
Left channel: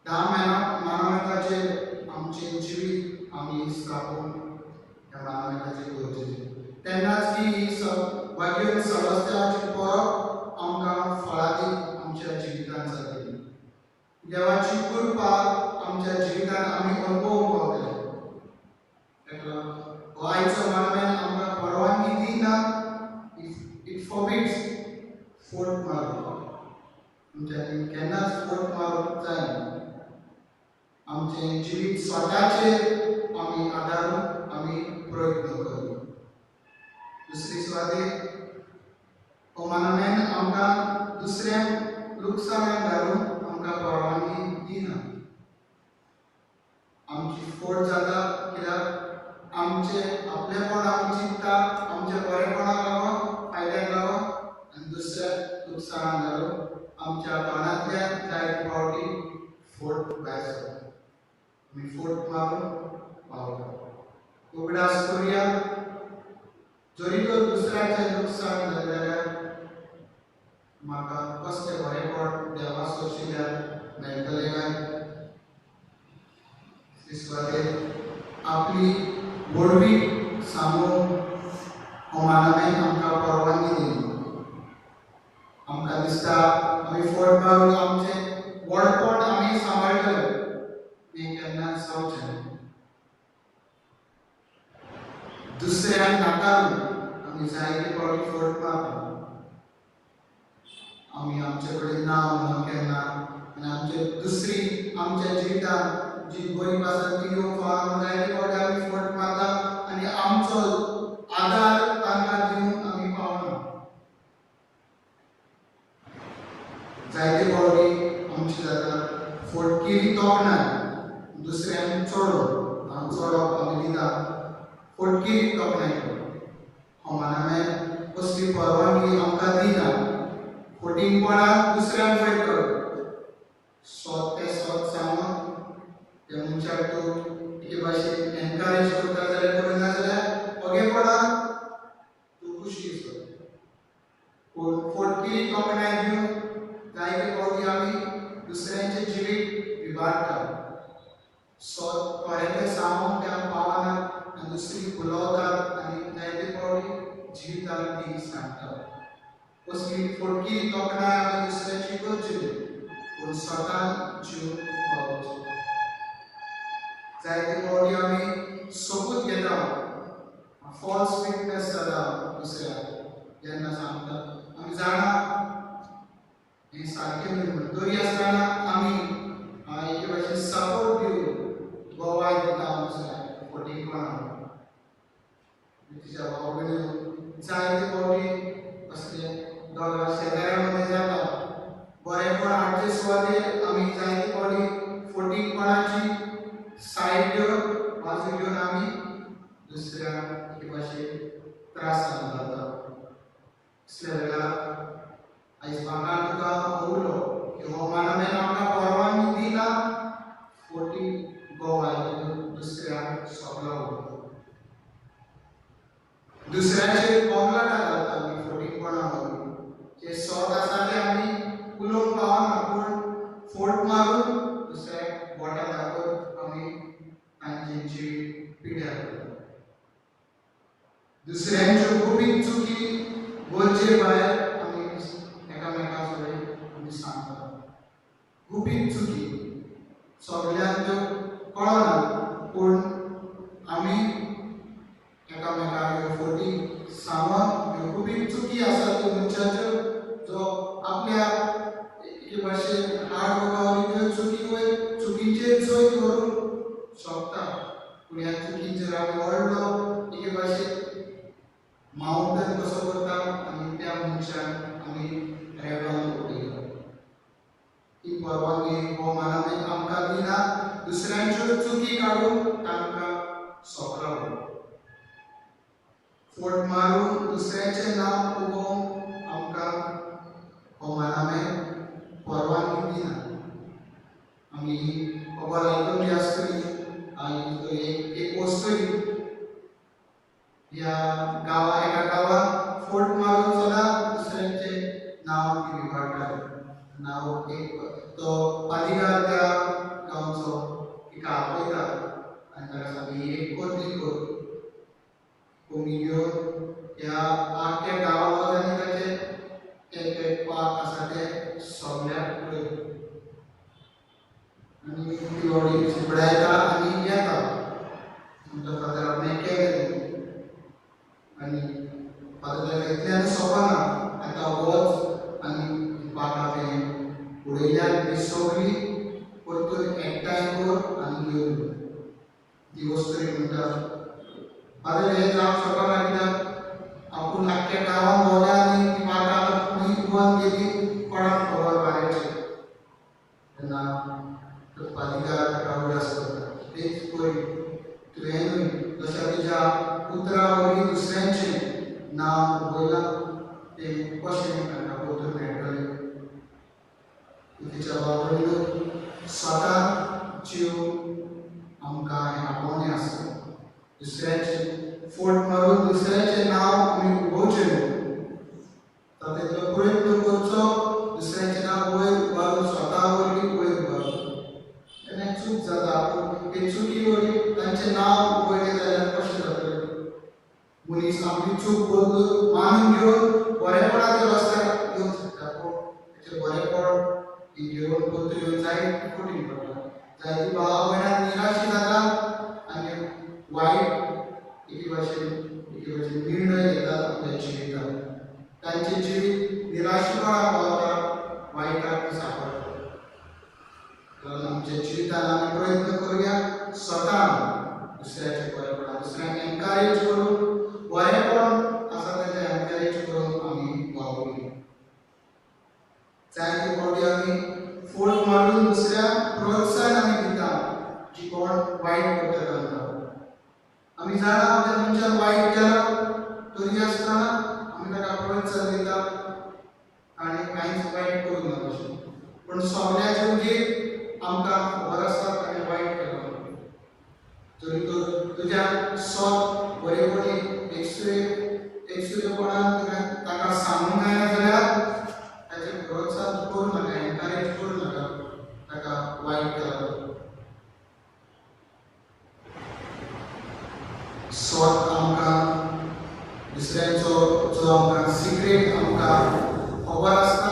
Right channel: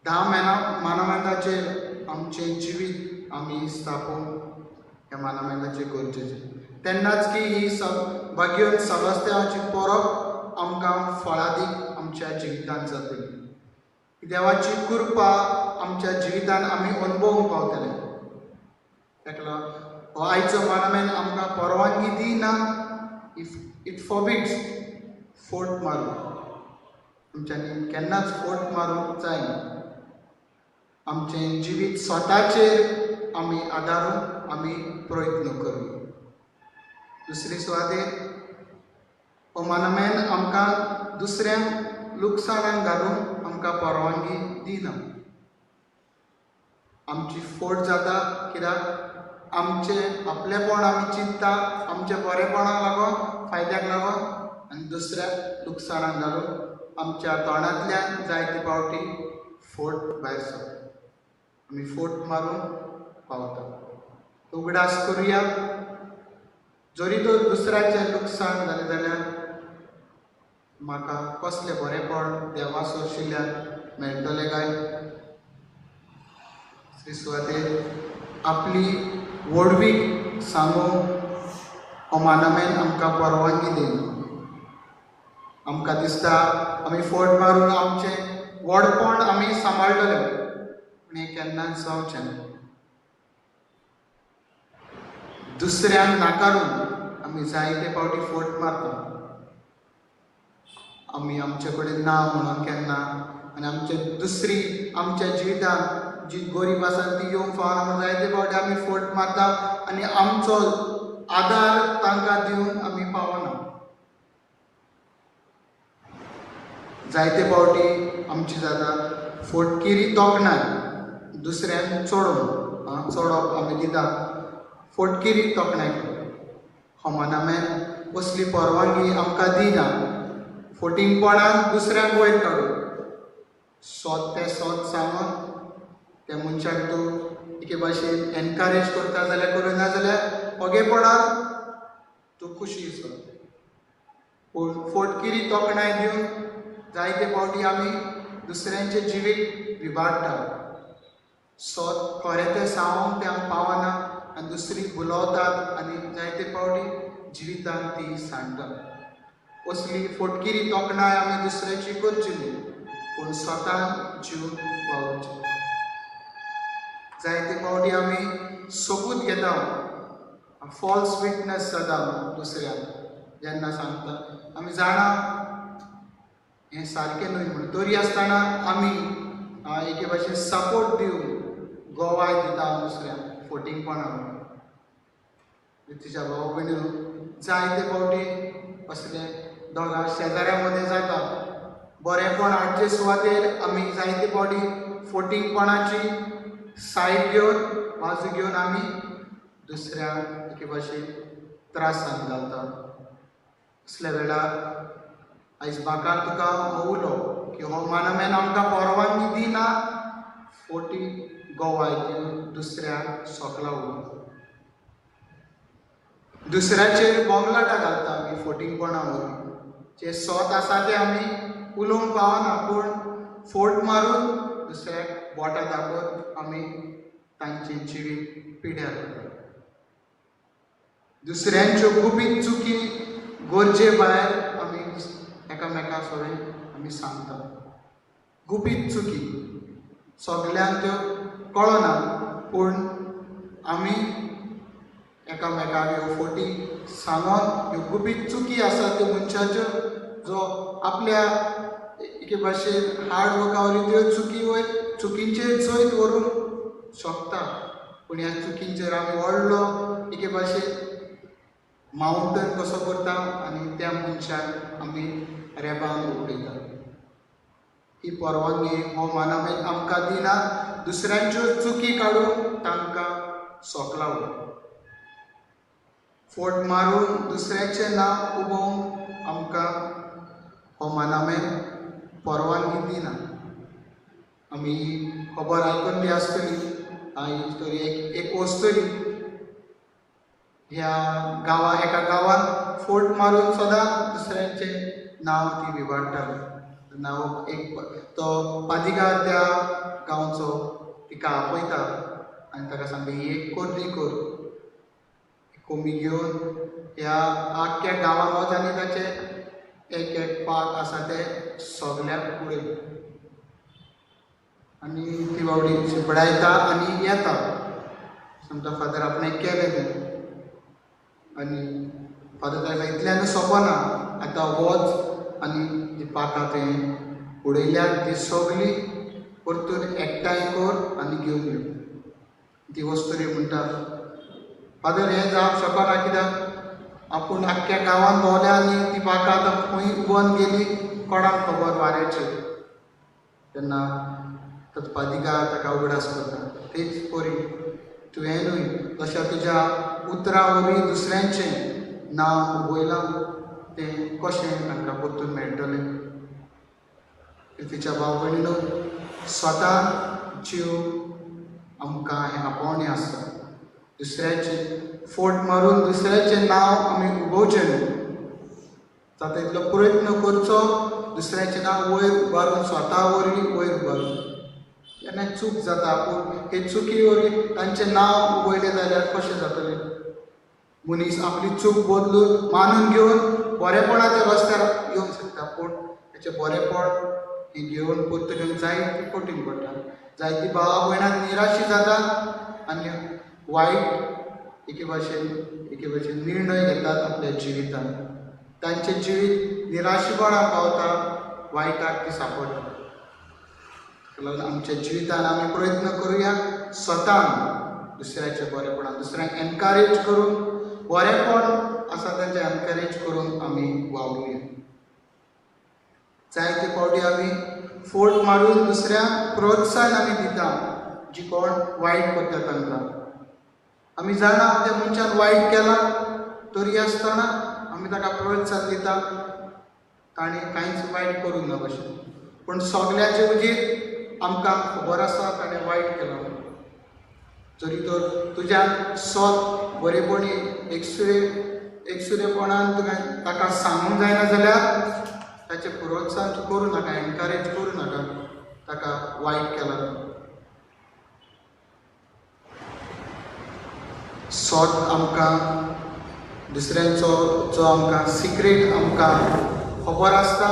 10 मानामेदाचेर आमचें जिवीत आमी स्थापूंक ह्या मानामेदाचें गरजेचें. तेन्नाच की ही भाग्योन सबस्त्याची परब आमकां फळादीक आमच्या जिवितांत जातली. देवाची कृपा आमच्या जिवितांत आमी अनुभवूंक पावतले. ताका लागून हो आयचो मानामेद आमकां परवानगी दिना. इट फॉरबिड्स फोट मारूंक. आमच्यांनी केन्नाच फोट मारूंक जायना. आमचें जिवीत स्वताचेर आमी आदारून आमी प्रयत्न करूं. दुसरी सुवातेर हो मानामेद आमकां दुसऱ्यांक लुकसाणान घालूंक आमकां परवानगी दिना. आमची फोट जाता कित्याक आमचें आपलेपण आमी चिंतता आमच्या बरेपणाक लागून फायद्याक लागून आनी दुसऱ्याक लुकसाणान घालून आमच्या तोंडांतल्यान जायते फावटी फोट भायर सरता. आमी फोट मारूंक पावता. उगडास करुया. जरी तर दुसऱ्याचें लुकसाण जालें जाल्यार म्हाका कसलें बरेपण देवा सोडशिल्ल्यान मेळटलें काय? दुसरी सुवातेर आपली वडवीक सांगूंक हो मानामेद आमकां परवानगी दिना. आमकां दिसता आमी फोट मारून आमचें व्हडपण आमी सांबाळटले, पूण हें केन्नाच जावचें ना. दुसऱ्यांक नाकारून आमी जायते फावटी फोट मारता. आमी आमचे कडेन ना म्हणून केन्ना आनी आमचे दुसरी आमच्या जिवितांत जी गरीब आसा ती येवंक फावना म्हणून जायते फावटी आमी फोट मारता आनी आमचो आदार तांकां दिवन आमी पावना. जायते फावटी आमची जाता फोटकिरी तोखणाय दुसऱ्यांक चोडोवप आमी दितात फोटकिरी तोखणाय होमानामेन कसली परवानगी आमकां दिना. फोटिंगपणाक दुसऱ्यांक वयर काडून सोत सांगून त्या मनशाक तूं एके भाशेन एनकरेज करता जाल्यार करूं, ना जाल्यार ओगेपणान तूं खुशी सो. पूण फोटकिरी तोखणाय दिवन जायते फावटी आमी दुसऱ्यांचे जिवीत विबाडटा. सोत खरें तें सांगूंक ते आमी पावना आनी दुसरीक बुलोवतात आनी जायते फावटी जिवितांत ती सांडटा. असली फोटकिरी तोखणाय आमी दुसऱ्याची करची न्ही, पूण स्वतान जीव वावोवचें. जायते फावटी आमी सबूत घेता, फॉल्स विटनेस जाता दुसऱ्याक जेन्ना सांगता आमी जाणा हें सारकें न्हय म्हूण, तरी आसतना आमी एके भाशेन सपोर्ट दिवन गोवाय दिता दुसऱ्याक फोटिंगपणान. तिच्या भाव भयण्यो जायते फावटी असले दोगां शेजाऱ्यां मदें जाता. बरेपण हाडचे सुवातेर आमी जायते फावटी फोटिंगपणाची सायड घेवन बाजू घेवन आमी दुसऱ्याक एके भाशेन त्रासान घालता. असल्या वेळार आयज म्हाका तुका उलो की हो मानामेन आमकां परवानगी दिना फोटी गोवाय दिवन दुसऱ्याक सोकला उलोवप. दुसऱ्याचेर बोगलाटा घालता आमी फोटिंगपणा वरवीं. जे सोत आसा ते आमी उलोवंक पावना, पूण फोट मारून दुसऱ्याक बोटां दाखोवन आमी तांची जिवीत पिड्यार करता. दुसऱ्यांच्यो गुपीत चुकी गरजे भायर आमी एकामेकां सगळें आमी सांगता. गुपीत चुकी सगल्यांक त्यो कळना, पूण आमी एकामेकाक ह्यो फोटी सांगोन ह्यो गुपीत चुकी आसा त्यो मनशाच्यो जो आपल्या एके भाशेन हार्ड वर्का वरवीं त्यो चुकी वयर चुकींचेर जैत व्हरूंक शकता. पूण ह्या चुकींचेर आमी व्हडलो एके भाशेन माउंटन कसो करता आनी त्या मनशाक आमी रेबान उडयता. ही परवानगी हो मानामेन आमकां दिना दुसऱ्यांच्यो चुकी काडून तांकां सोकला उडोवप. फोट मारून दुसऱ्याचें नांव उबोवंक आमकां हो मानामेन परवानगी दिना. आमी खबर आयकून बी आसतली तरी एक वस्तूरी ह्या एका गांवांत फोट मारून सदां दुसऱ्यांचें नांव ती विबाडटाली. नांव एक तो पादिगार त्या गांवचो तिका आपयता आनी ताका सांगता ही एक कोर्टी कर. कोमी घेवन ह्या आख्ख्या गांवांत आनी ताचे एक पाक आसा ते सगल्याक उडयता. आनी ती बावडी शिपडायता आनी येता सांगता फादर आपणे केलें तें. आनी फादर ताका इतल्यान सोंपना, आतां वच आनी पाकां तें उडयल्यात ती सगळी परतून एकठांय कर आनी घेवन यो. ती वस्तुरी म्हणटा फादर हें जावंक शकना, कित्याक आपूण आख्ख्या गांवांत भोंवल्या आनी ती पाकां आतां खंय बंद गेली कोणाक खबर वाऱ्याचेर. तेन्ना तो पादिगार ताका उगडास करता तेच परी तुवें न्हय जशें तुज्या उतरां वरवीं दुसऱ्यांचें नांव वयलां तें कशें तांकां परतून मेळटलें. तिच्या भाव भयणीनो स्वता जीव आमकां हें आपोवणें आसता. दुसऱ्याचें फोट मारून दुसऱ्याचें नांव आमी उगोवचें न्हय. जाता तितलो प्रयत्न करचो दुसऱ्याचें नांव वयर उबारून स्वता वरवीं वयर उबारून. जेन्ना चूक जाता पूण हे चुकी वरवीं तांचें नांव वयलें जाल्यार कशें जातलें. मनीस आपली चूक बदलून मानून घेवन बरेपणाच्या रस्त्यार येवंक शकता, पूण ताचें बरेपण ही घेवन परतून जायती कठीण पडटा. जायतीं भावां भयणां निराशी जाता आनी वायट एके भाशेन निर्णय घेतात आपल्या जिवितांत. तांचें जिवीत निराशीपणाक पावता, वायटाक ती सांपडटा. आमच्या जिवितांत आमी प्रयत्न करुया स्वतान दुसऱ्याचें बरेपणान दुसऱ्यांक एनकरेज करून बरेपण आसा तेजें एनकरेज करून आमी वावुया. जायते फावटी आमी फोट मारून दुसऱ्याक प्रोत्साहन आमी दिता जी कोण वायट करता तांकां. आमी जाणा त्या मनशान वायट केलां तरी आसतना आमी ताका प्रोत्साहन दिता ताणें कांयच वायट करूंक ना भशेन. पूण सगल्याचे उजीर आमकां खबर आसा ताणें वायट केलो. जरी तर तुज्यान सोत बरेपणी एकसुरेपणान तुवें ताका सांगूंक जायना जाल्यार ताचें प्रोत्साहन तूं करूं नाका, एनकरेज करूं नाका ताका वायट केला. सोत आमकां दुसऱ्यांचो जो आमकां सिक्रेट आमकां खबर आसता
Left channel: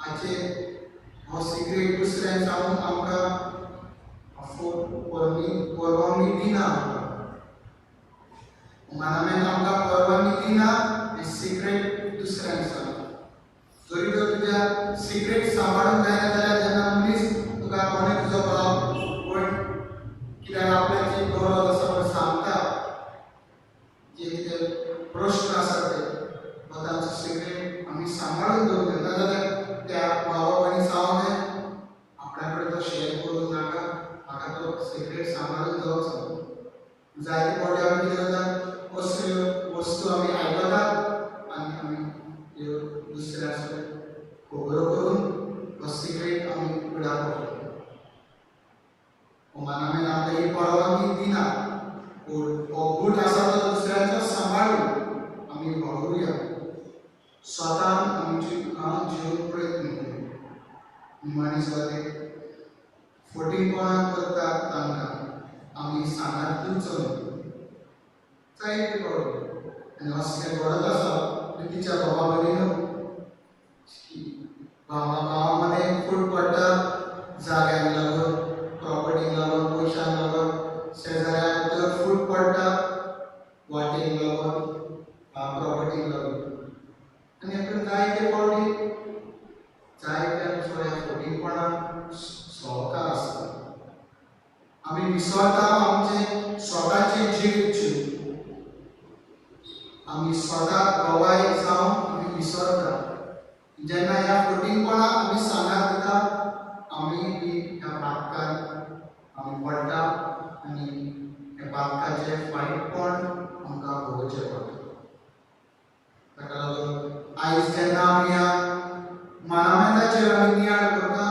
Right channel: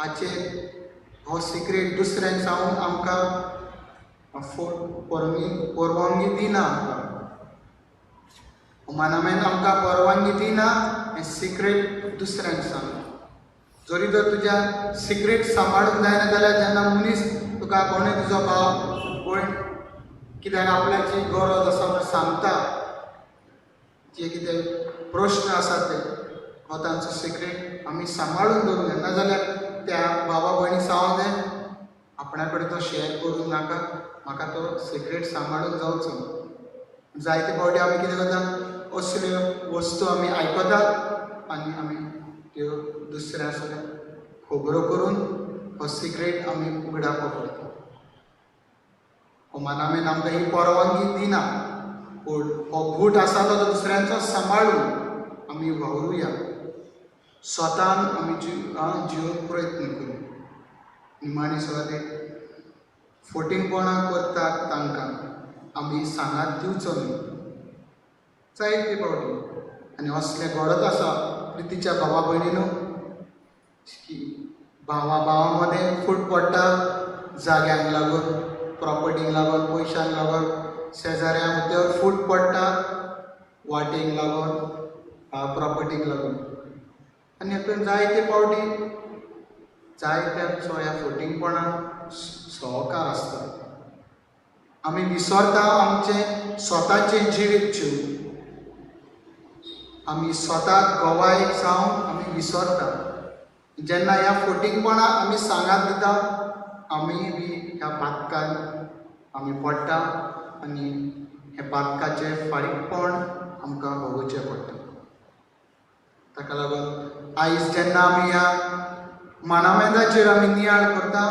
हाचेर हो सिक्रेट दुसऱ्यांक सांगून आमकां परवानगी दिना. मनामेन आमकां परवानगी दिना हें सिक्रेट दुसऱ्यांक सांग. जरी तर तुज्या सिक्रेट सांबाळूंक जायना जाल्यार जेन्ना मनीस तुका कोणें तुजो भाव कोण कित्याक आपल्याची गरज आसा म्हूण सांगता, जे कितें प्रश्न आसात ते हो तांचो सिक्रेट आमी सांबाळून दवरूं जाय. नाजाल्यार त्या भावा भयणी सांगूं जाय आपणा कडेन तो शेअर करूंक नाका, म्हाका तो सिक्रेट सांबाळून जावचो. जायते फावटी आमी कितें करता, असल्यो वस्तू आमी आयकतात आनी आमी त्यो दुसऱ्या खबरो करून हो सिक्रेट आमी उगडाक पडटा. हो मनामेन आमकां ही परवानगी दिना. पूण हो गूट आसा तो दुसऱ्यांचो सांबाळून आमी वावरुया. स्वतान आमी जिवूंक प्रयत्न करूं. निमाणी सुवातेक फटिंगपणां करतात तांकां आमी सांगात दिवचो न्हू. जायते फावटी आनी असलें घडत आसा प्रितीच्या भावा भयणीनो की भावा मदें फूट पडटा जाग्यांक लागून, प्रॉपर्टीक लागून, पयशांक लागून, शेजाऱ्या भितर फूट पडटा वाटेक लागून, प्रॉपर्टीक लागून. आनी हातूंत जायते फावटी जायत्यांचो ह्या फटिंगपणाक सहकार आसता. आमी विसरता आमचे स्वताचे जिवीत जिवन. आमी स्वताक गवाय जावन आमी विसरता. जेन्ना ह्या फटिंगपणाक आमी सांगात दिता आमी बी ह्या पातकांत आमी पडटा आनी हे पातकाचें फायटपण आमकां भोगोवचें पडटा. ताका लागून आयज जेन्ना आमी ह्या मनामेदाचेर आमी नियाळ करता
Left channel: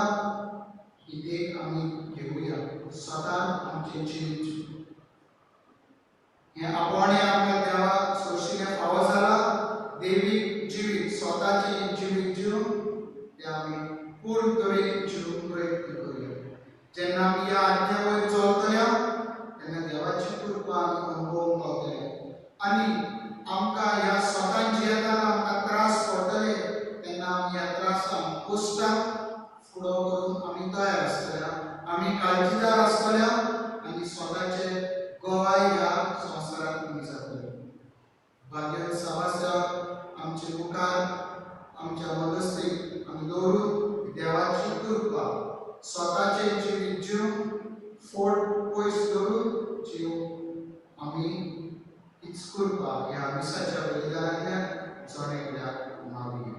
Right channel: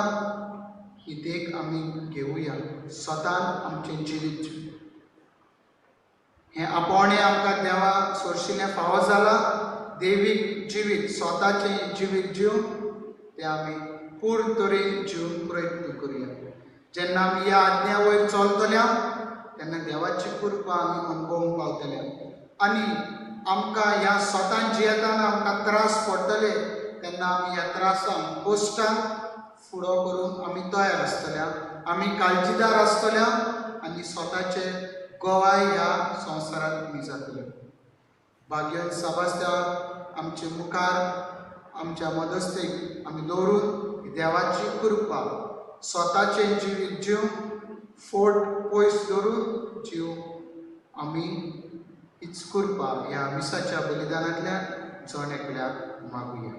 ही देख आमी घेवया. स्वतान आमचें जिवीत जिवन हें आपोवणें आमकां देवा सोरशिल्लें फावो जालां. देवीक जिवीत स्वताचें जिवीत जिवन तें आमी पूर्ण तरेन जिवूंक प्रयत्न करुया. जेन्ना आमी ह्या आज्ञा वयर चलतल्या तेन्ना देवाची कृपा आमी अनुभवूंक पावतले. आनी आमकां ह्या स्वतान जियेताना आमकां त्रास पडटले तेन्ना आमी ह्या त्रासांक कश्टांक फुडो करून आमी तयार आसतल्या, आमी काळजीदार आसतल्या आनी स्वताचे गवाय ह्या संवसारांत आमी जातले. भाग्यवान सभास्थान आमचे मुखार आमच्या मदस्तेक आमी दवरून देवाची कृपा स्वताचें जिवीत जिवन फोट पयस दवरून जीव आमी हीच कृपा ह्या विसाच्या बलिदानांतल्यान जोडेकल्याक मागुया.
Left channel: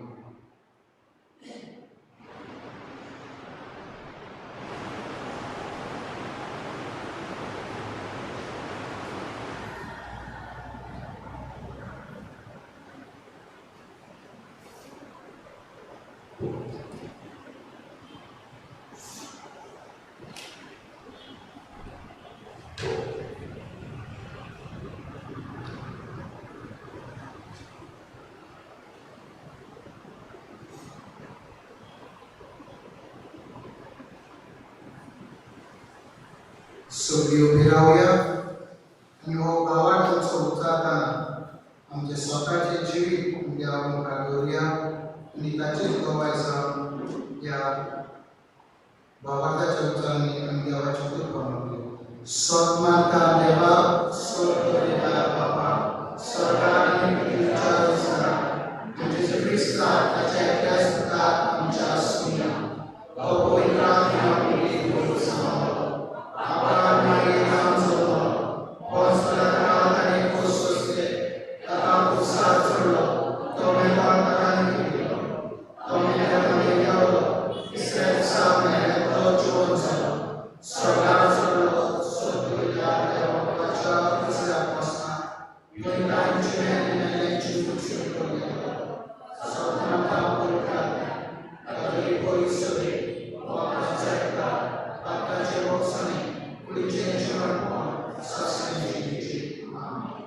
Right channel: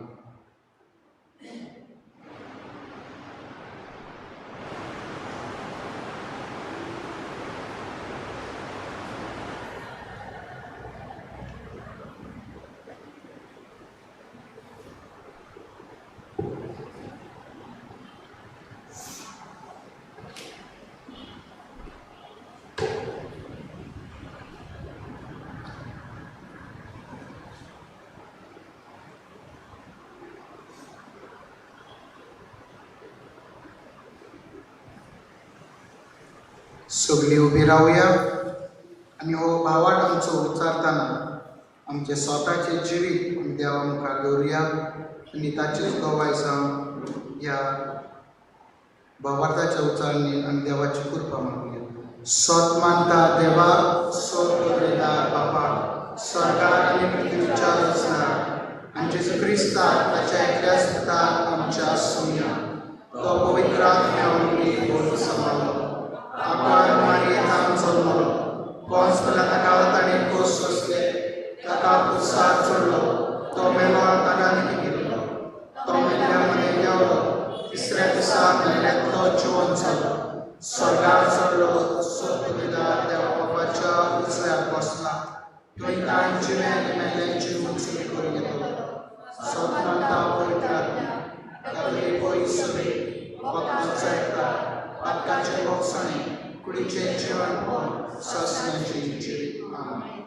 सगळीं उबी रावया आनी हो भावाड आमचो उच्चारतना आमचे स्वताचे जिवीत आमी देवा मुखार दवरुया आनी ताचीच गवाय जावन ह्या भावार्थाच्या उच्चारणी आमी देवाची कृपा मागुया. सत मानता देवा, सत करता बापा, सरकार आनी पृथ्वीच्या रचनार आनी जेजू क्रिस्तान ताच्या एकल्या सुतार आमच्या सुया तो पवित्र आत्म्या आमची बोल सांबाळो. आकार मारियेन आमचो पोंस काळात आनी कोस सोसले सगळ्याचो लोक सोदविला देवा बापाच्या उजव्याक बसला थंय तांची मेल्यांची उंची करून येता सपनांता पळयतात तरी पयसुरे वखदांचो येता आतांचे वखसांनी कुडीचे जिवन पळोवन ससण्याची इच्छे आमेन.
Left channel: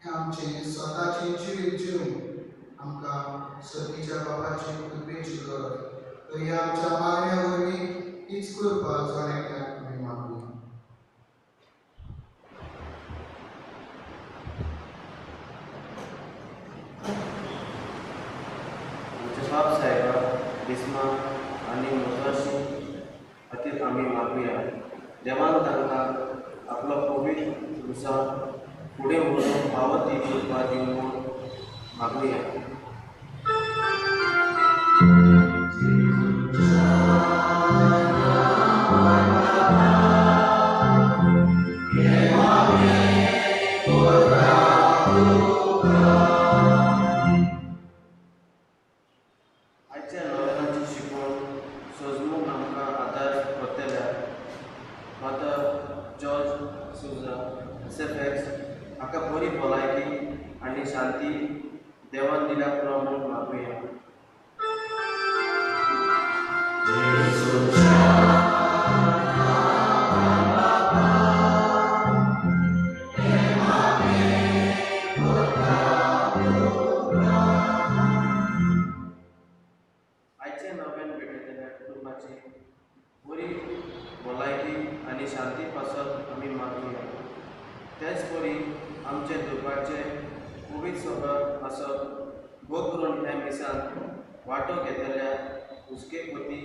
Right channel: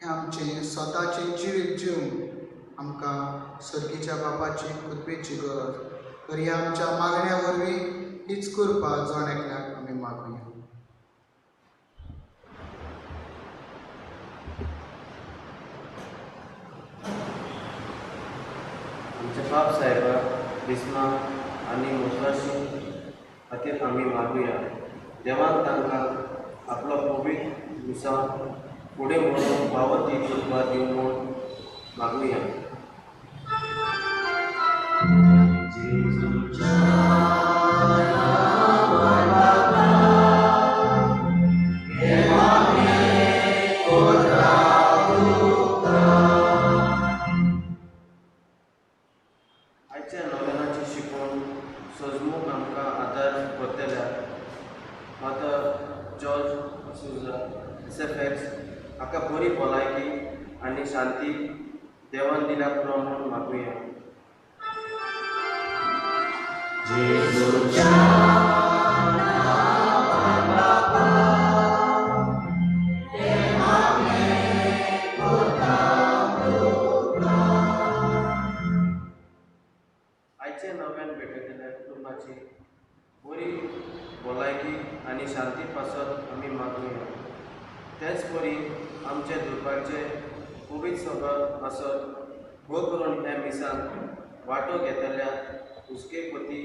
हे आमचे स्वताचे जिवीत जिवन आमकां सर्गीच्या बापाची कृपेची गरज तरी आमच्या मागण्या वरवीं हीच कृपा जोण्याक आमी मागुया. आमचे बाप साहेबा बिस्मा आनी मुसाशी खातीर आमी मागुया. देवान तांकां आपलो पवित्र विसाव फुडें व्हरून फावो ती कृपा दिवं म्हूण मागुया. आयच्या नोवेलांची शिकवण सजमूक आमकां आदार करतल्या फादर जॉर्ज सुजा SFX हाका बरी भलायकी आनी शांती देवान दिल्या पुरो म्हूण मागुया. आयचे नव्यान भेटयतल्या कुटुंबाची बरी भलायकी आनी शांती पासत आमी मागुया. तेच परी आमचे दुर्भाग्याचे पवित्र सभा आसत भोग करून ह्या मिसान वांटो घेतल्या हुस्केपती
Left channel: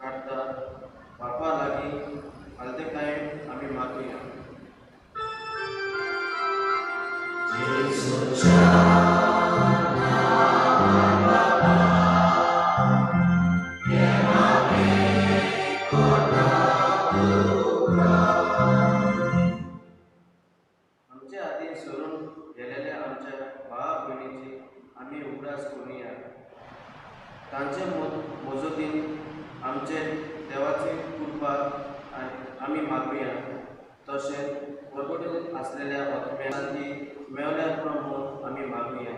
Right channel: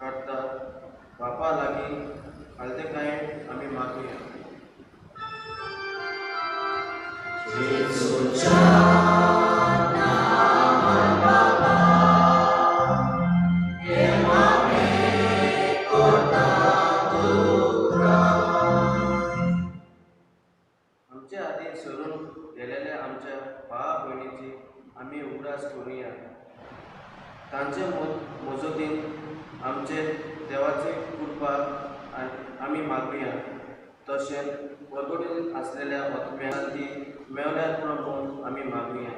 काडटा बापा लागीं हालतेकायेन आमी मागुया. आमच्या हातीन सरून गेलेल्या आमच्या भावा भयणीची आमी उगडास करुया. तांचे मजतीन आमचे देवाची कृपा आमी मागुया. तशेंच परगोडेन आसलेल्या आत्म्यांक ती मेवल्यार पुरो म्हूण आमी मागुया.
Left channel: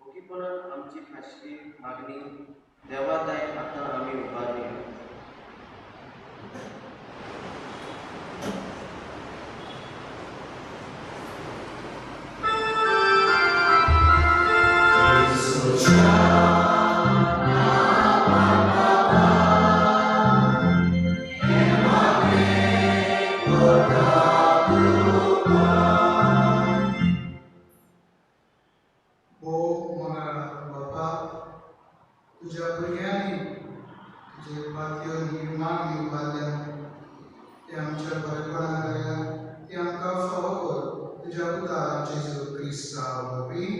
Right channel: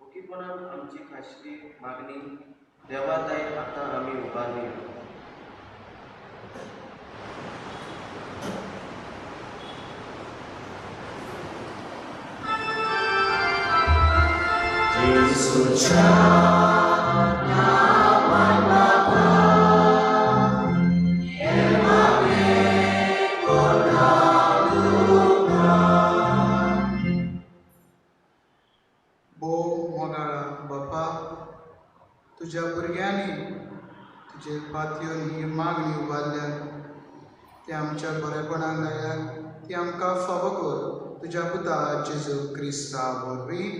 ओकीपणान आमची खाशगी मागणी देवाताय आतां आमी उबारली. तुझ्या भुरग्यांनी तुजे पातयो ही मागणी उबारल्या ते आमच्या बरेपणाक लायात ती आमकां फावो कर तुज्या पुता जेजू क्रिस्ता वरवीं.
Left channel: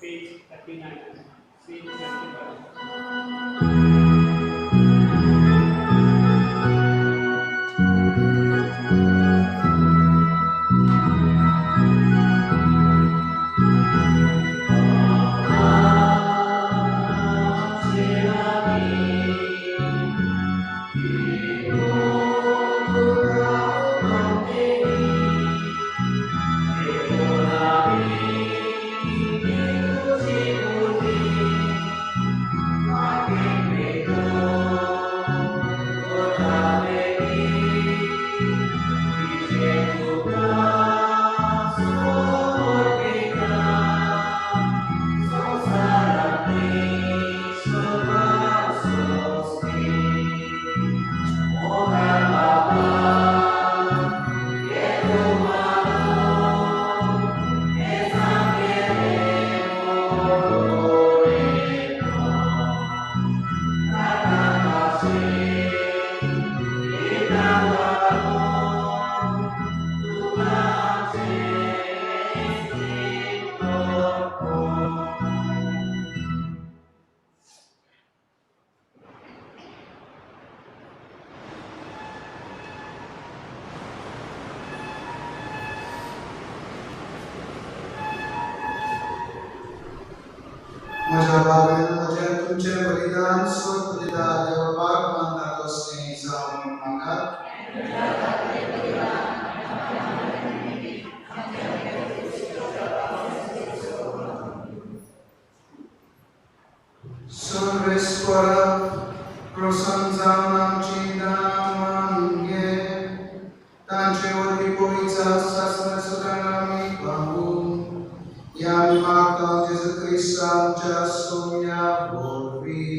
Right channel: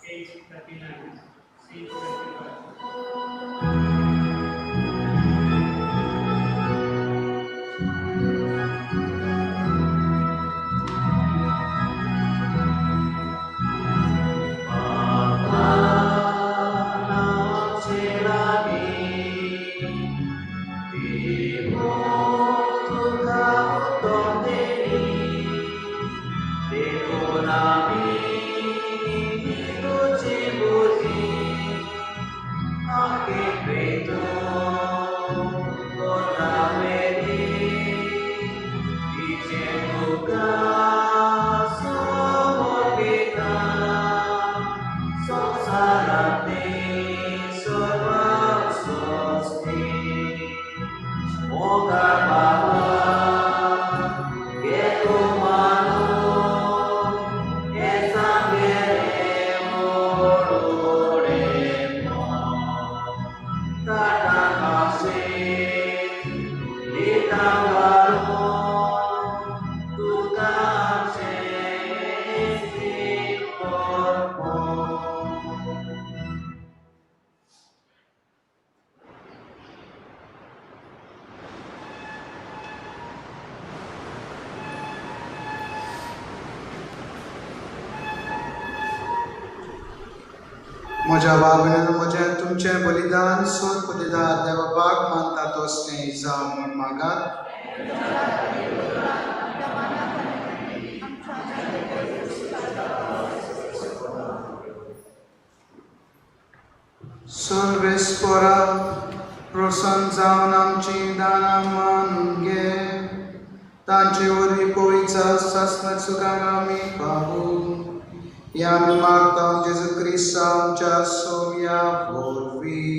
Page 39. म्हज्या वागणेन म्हजें तुमचें बलिदान स्वर्ग दिता देवाक मानता तो स्नेह जावं म्हूण मागात. सर्वेस्परा प्रसन्न जावन आमची दानां मानून घे. तांचे वरवीं पवित्र शास्त्र सुखान आमी पावूं. या मागता जेजू क्रिस्त आमच्या सौम्या वरवीं.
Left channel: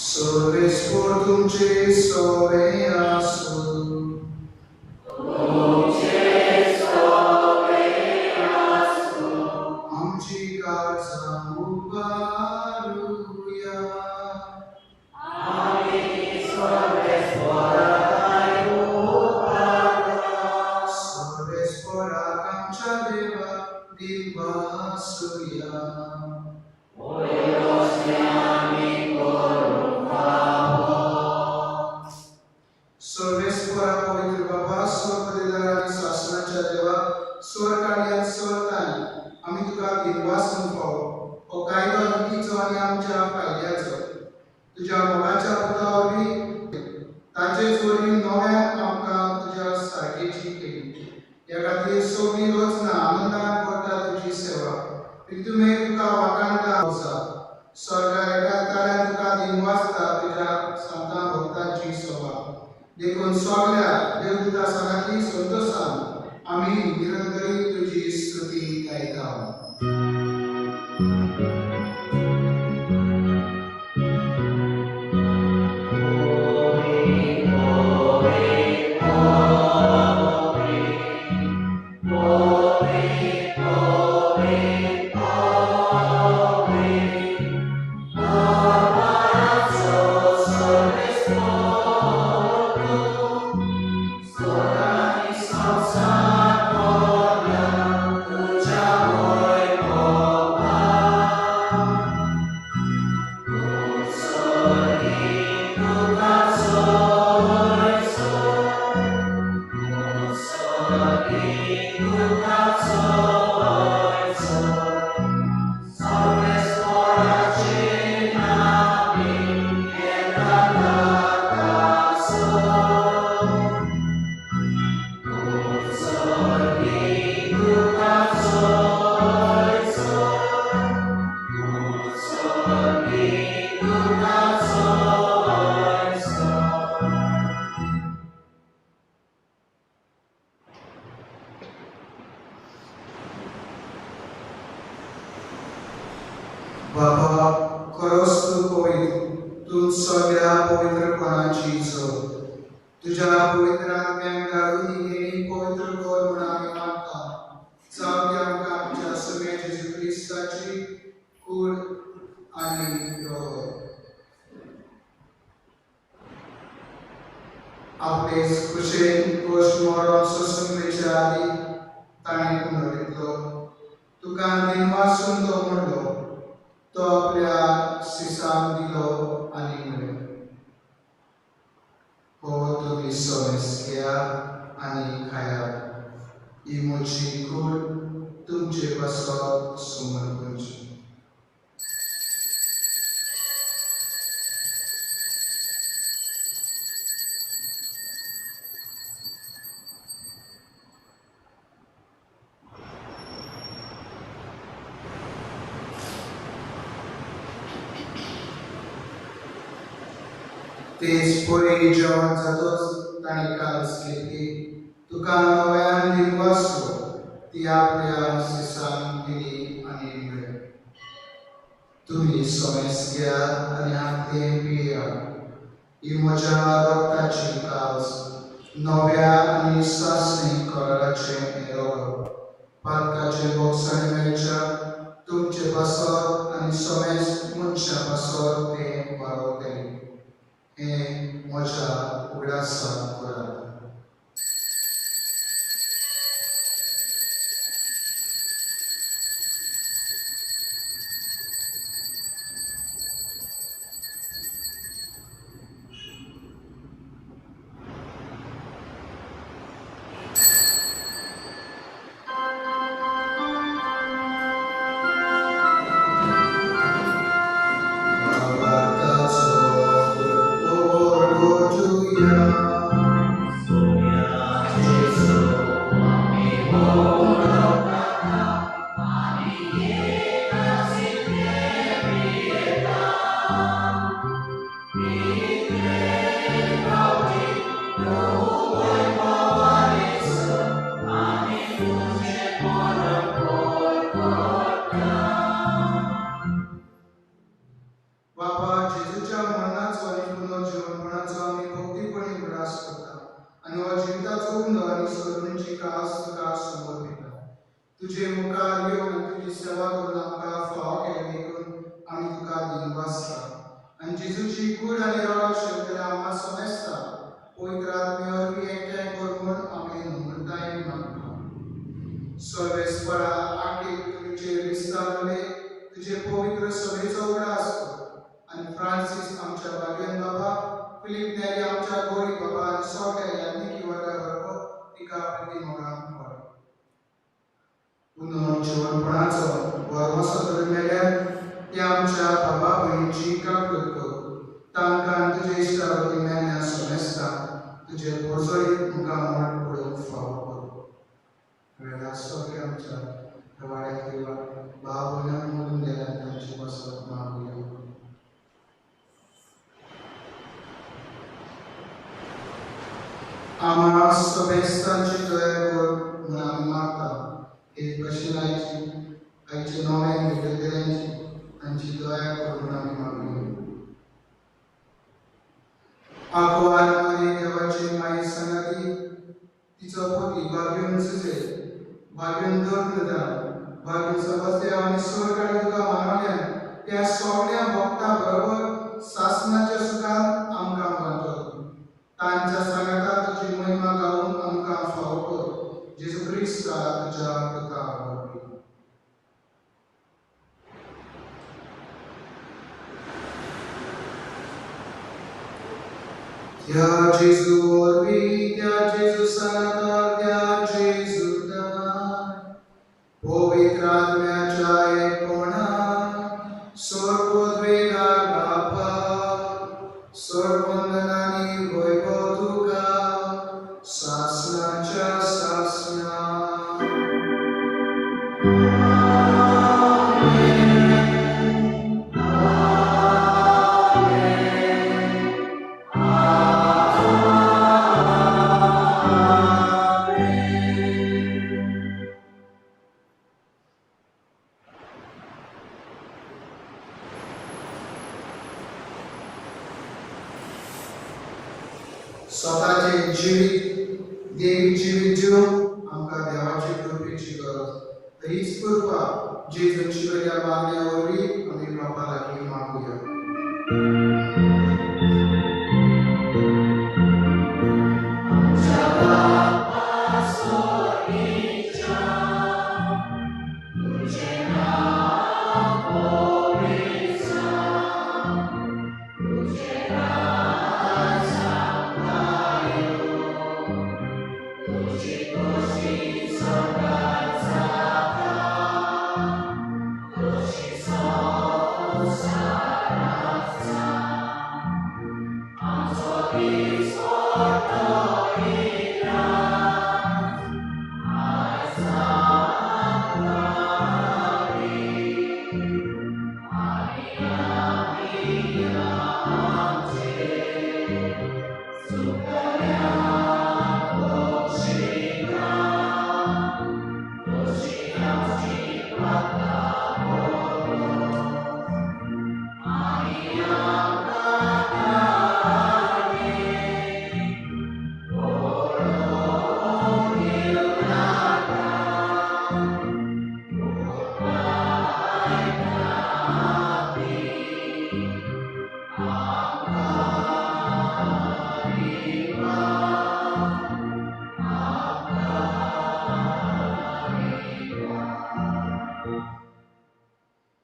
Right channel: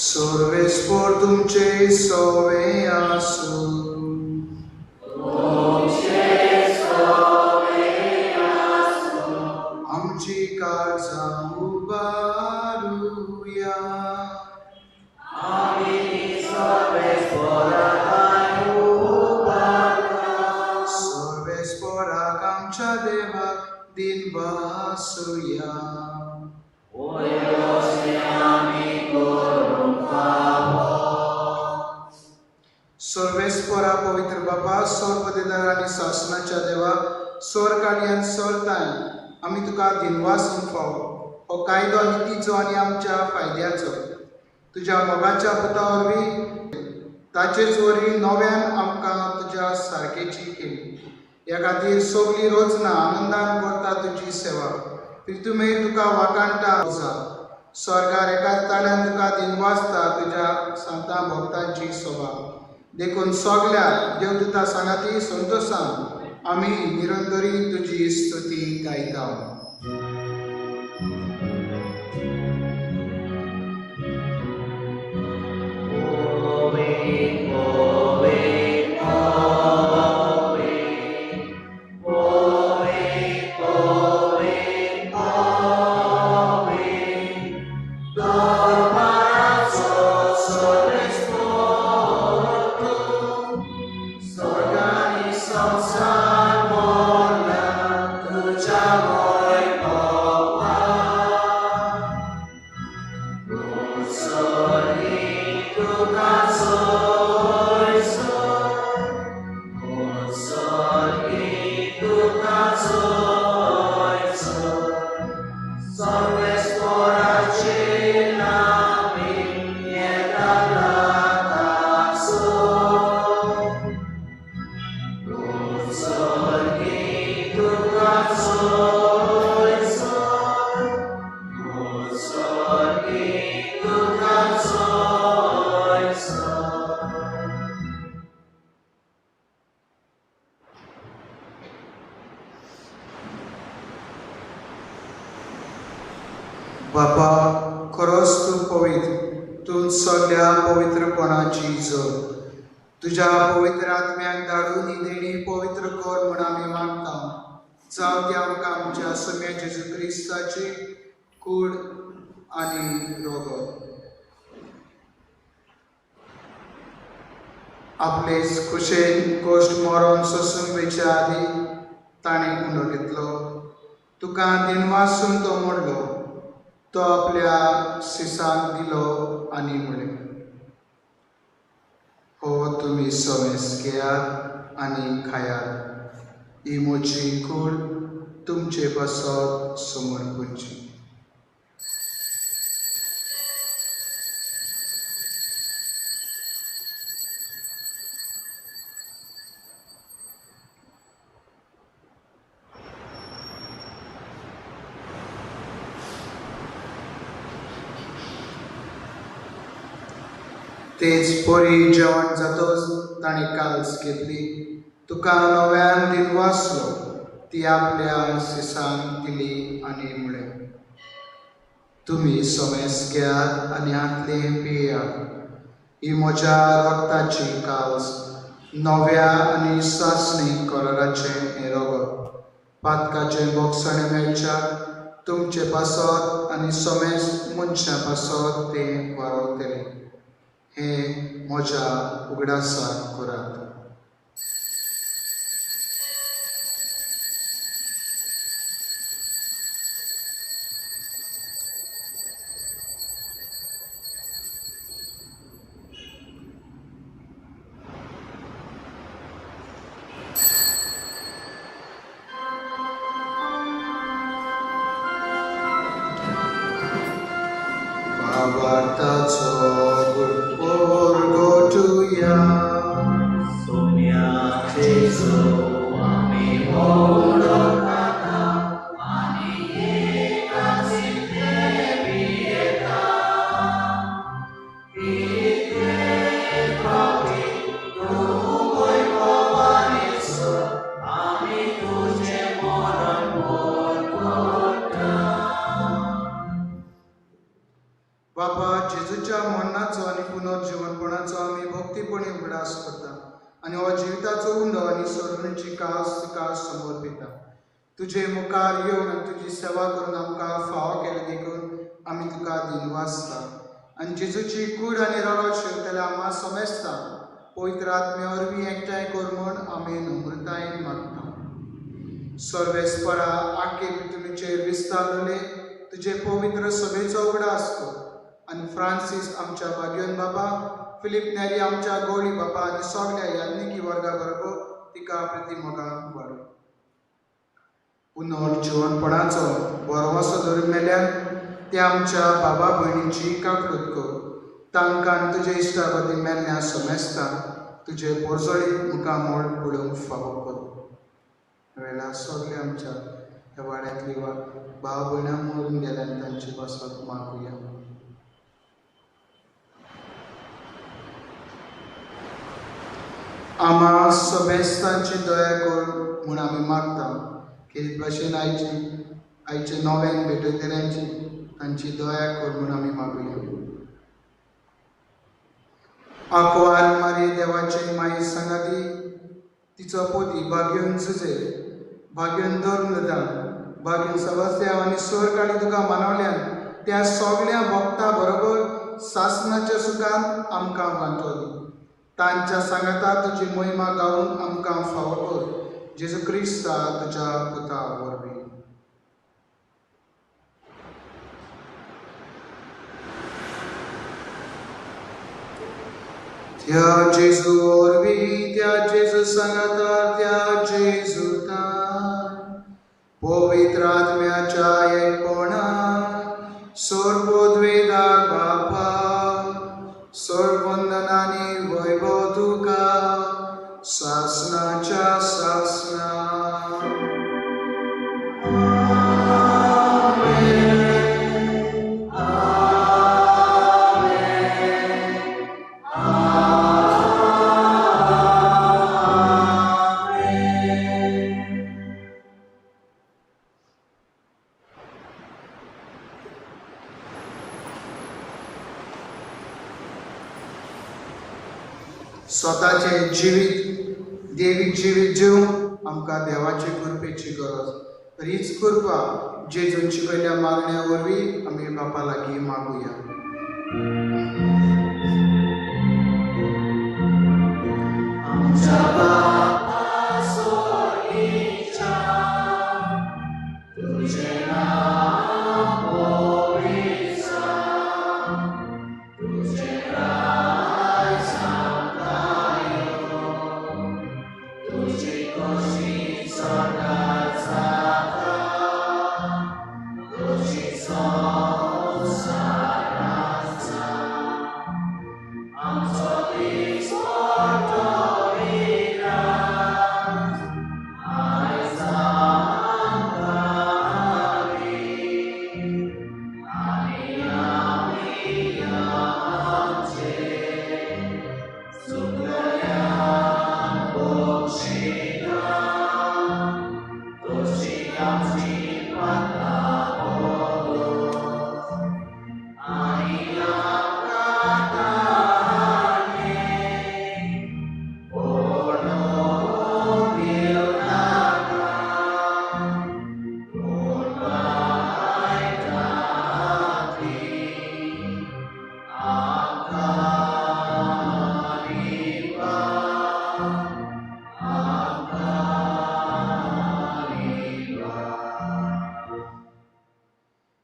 सर्वेस्पर तुमचे सवे आसूं. आमची काळजां उबारुया. सर्वेस्पराक आमच्या देवाक दिनवासुया. सर्वेस्परा पवित्र बाबा सर्वपदेदार आनी शासनाच्या देवा स्वर्ग आनी सर्ताय आमी तुका दिनवास म्हणपाव. हो कायदो नितीचो आनी आमच्या फायद्याचो. तुज्या मोगाच्या पुता वरवीं ताचेच वरवीं नव्यान आमकां तुज्या सारकेची केली. ह्या खातीर सगळीं रोजनां आनंदान करता तुजी सेवा. तुमे तुका वाकाणटा आसा. स्वर्गार एका ताळ्यान तुका दिनवासता तुज्या संतां भक्तांची सभा. देखून सगळ्या देवदूता सांगाती संतोशान आमी निरंतरी तुजी स्तुती गायता. बाबा खरोच तूं पवित्र. तूं सगळ्या पवित्रपणाची जोड. तुज्या पवित्र आत्म्याक धाडून ही देणी पवित्र कर म्हूण आमी मागता. जावं ती आमकां आमच्या सगळ्या जेजू क्रिस्ताची कूड आनी रोग. आपले कुशेन गोश्ट मरण सोंसुंकेच्या आदी ताणें कुंडो घेतलो. तुका दिनवासून तो म्हणलो. तो आपल्या शिसाक दिलो आनी म्हणलें, हो तुमी सवेस घेयात आनी खायात. ही म्हजी कूड तुमचे पासत समर्पणची. तेच पोरी जेवण जातोच ताणी काल्स घेतली. तुका नव्यान दिनवासलो. ती आपल्या शिसांक दिली आनी म्हणलें, तुमी सवेस घेयात आनी हातले पियात. ही म्हज्या रक्ताची काल्स नव्या आनी सासणी कराराचें हें रोग. पातकाचे भोगसणे मेळच्या तुमचे पासत आनी समेस मनशा पासत तें वावरतले. हे म्हज्या उगडासाक करात. तुझे मुखार येवन आनी तुजी सेवा करून आमकां फावो केले देखून आमी तुका दिनवासता आनी जेजूची कूड आनी रगत शेवतले आम्हा समेस्ता पवित्र आत्मे वरवीं एकठांय कर म्हूण आमी नम्रतायेन मागता. सर्वेस्परा आखे तुमचेर विस्तार जाले तुझे पवित्र सभेचो उगडास कर आनी फ्रांसीस आमच्या भाग्यवन बाबा, फिलीप नेरी आमच्या गोळी बाबा आनी सगळ्या यान्निकी वर्गा बरोबर तिका प्रतिमोगान वर. पुनर्जीवनपणाचो बरवसो धरून मेल्यार ते आमच्या बाबा भयणीची काकूट कर. तांकां तुजे इश्टावती मेलण्या समेस्ता तुजे पोरजोळीत मुखामोळ पडूंक फावो कर. वेळा सगळे आमच्या ह्या वाड्यांतली भाव भयणां मरून गेल्यान तांची वसत मागुया. आम्हा समेस्तांची दया कर म्हूण आमी मागता की भशेन आयचे नव्यान भेटयलेल्यांची तांची दया कर म्हूण आमी मागुया. आकवाल मारी देवाची माई सांगाती तिचो पोती भाग्यवन सुजे भाग्यवन धर्मदान भाग्यवन सवस्त्या आनी स्वर काडी तुका मानवल्यान त्या सगळ्या भक्तां बरोबर सासणाच्या सुखांत आमकां बांदतलो. तांच्या सांगाता तुजी महिमा गावून आमकां फावो कर. जेजू क्रिस्ता तुज्या पुता वरवीं. त्या जेजू वरवीं त्या जेजू सांगाता त्या जेजूता पवित्र आत्म्याच्या एकपणान सोर्बोद्वेदा बापा सोर्बंदनानी वैभव तुका सासणाच्या सासणा. स्वताचे जिवीत देवीक जिवीत जीवन आमकां देवाची कृपेची गरज. हीच कृपा जेजून शिकयल्या मागण्या वरवीं आमी बापा लागीं मागुया.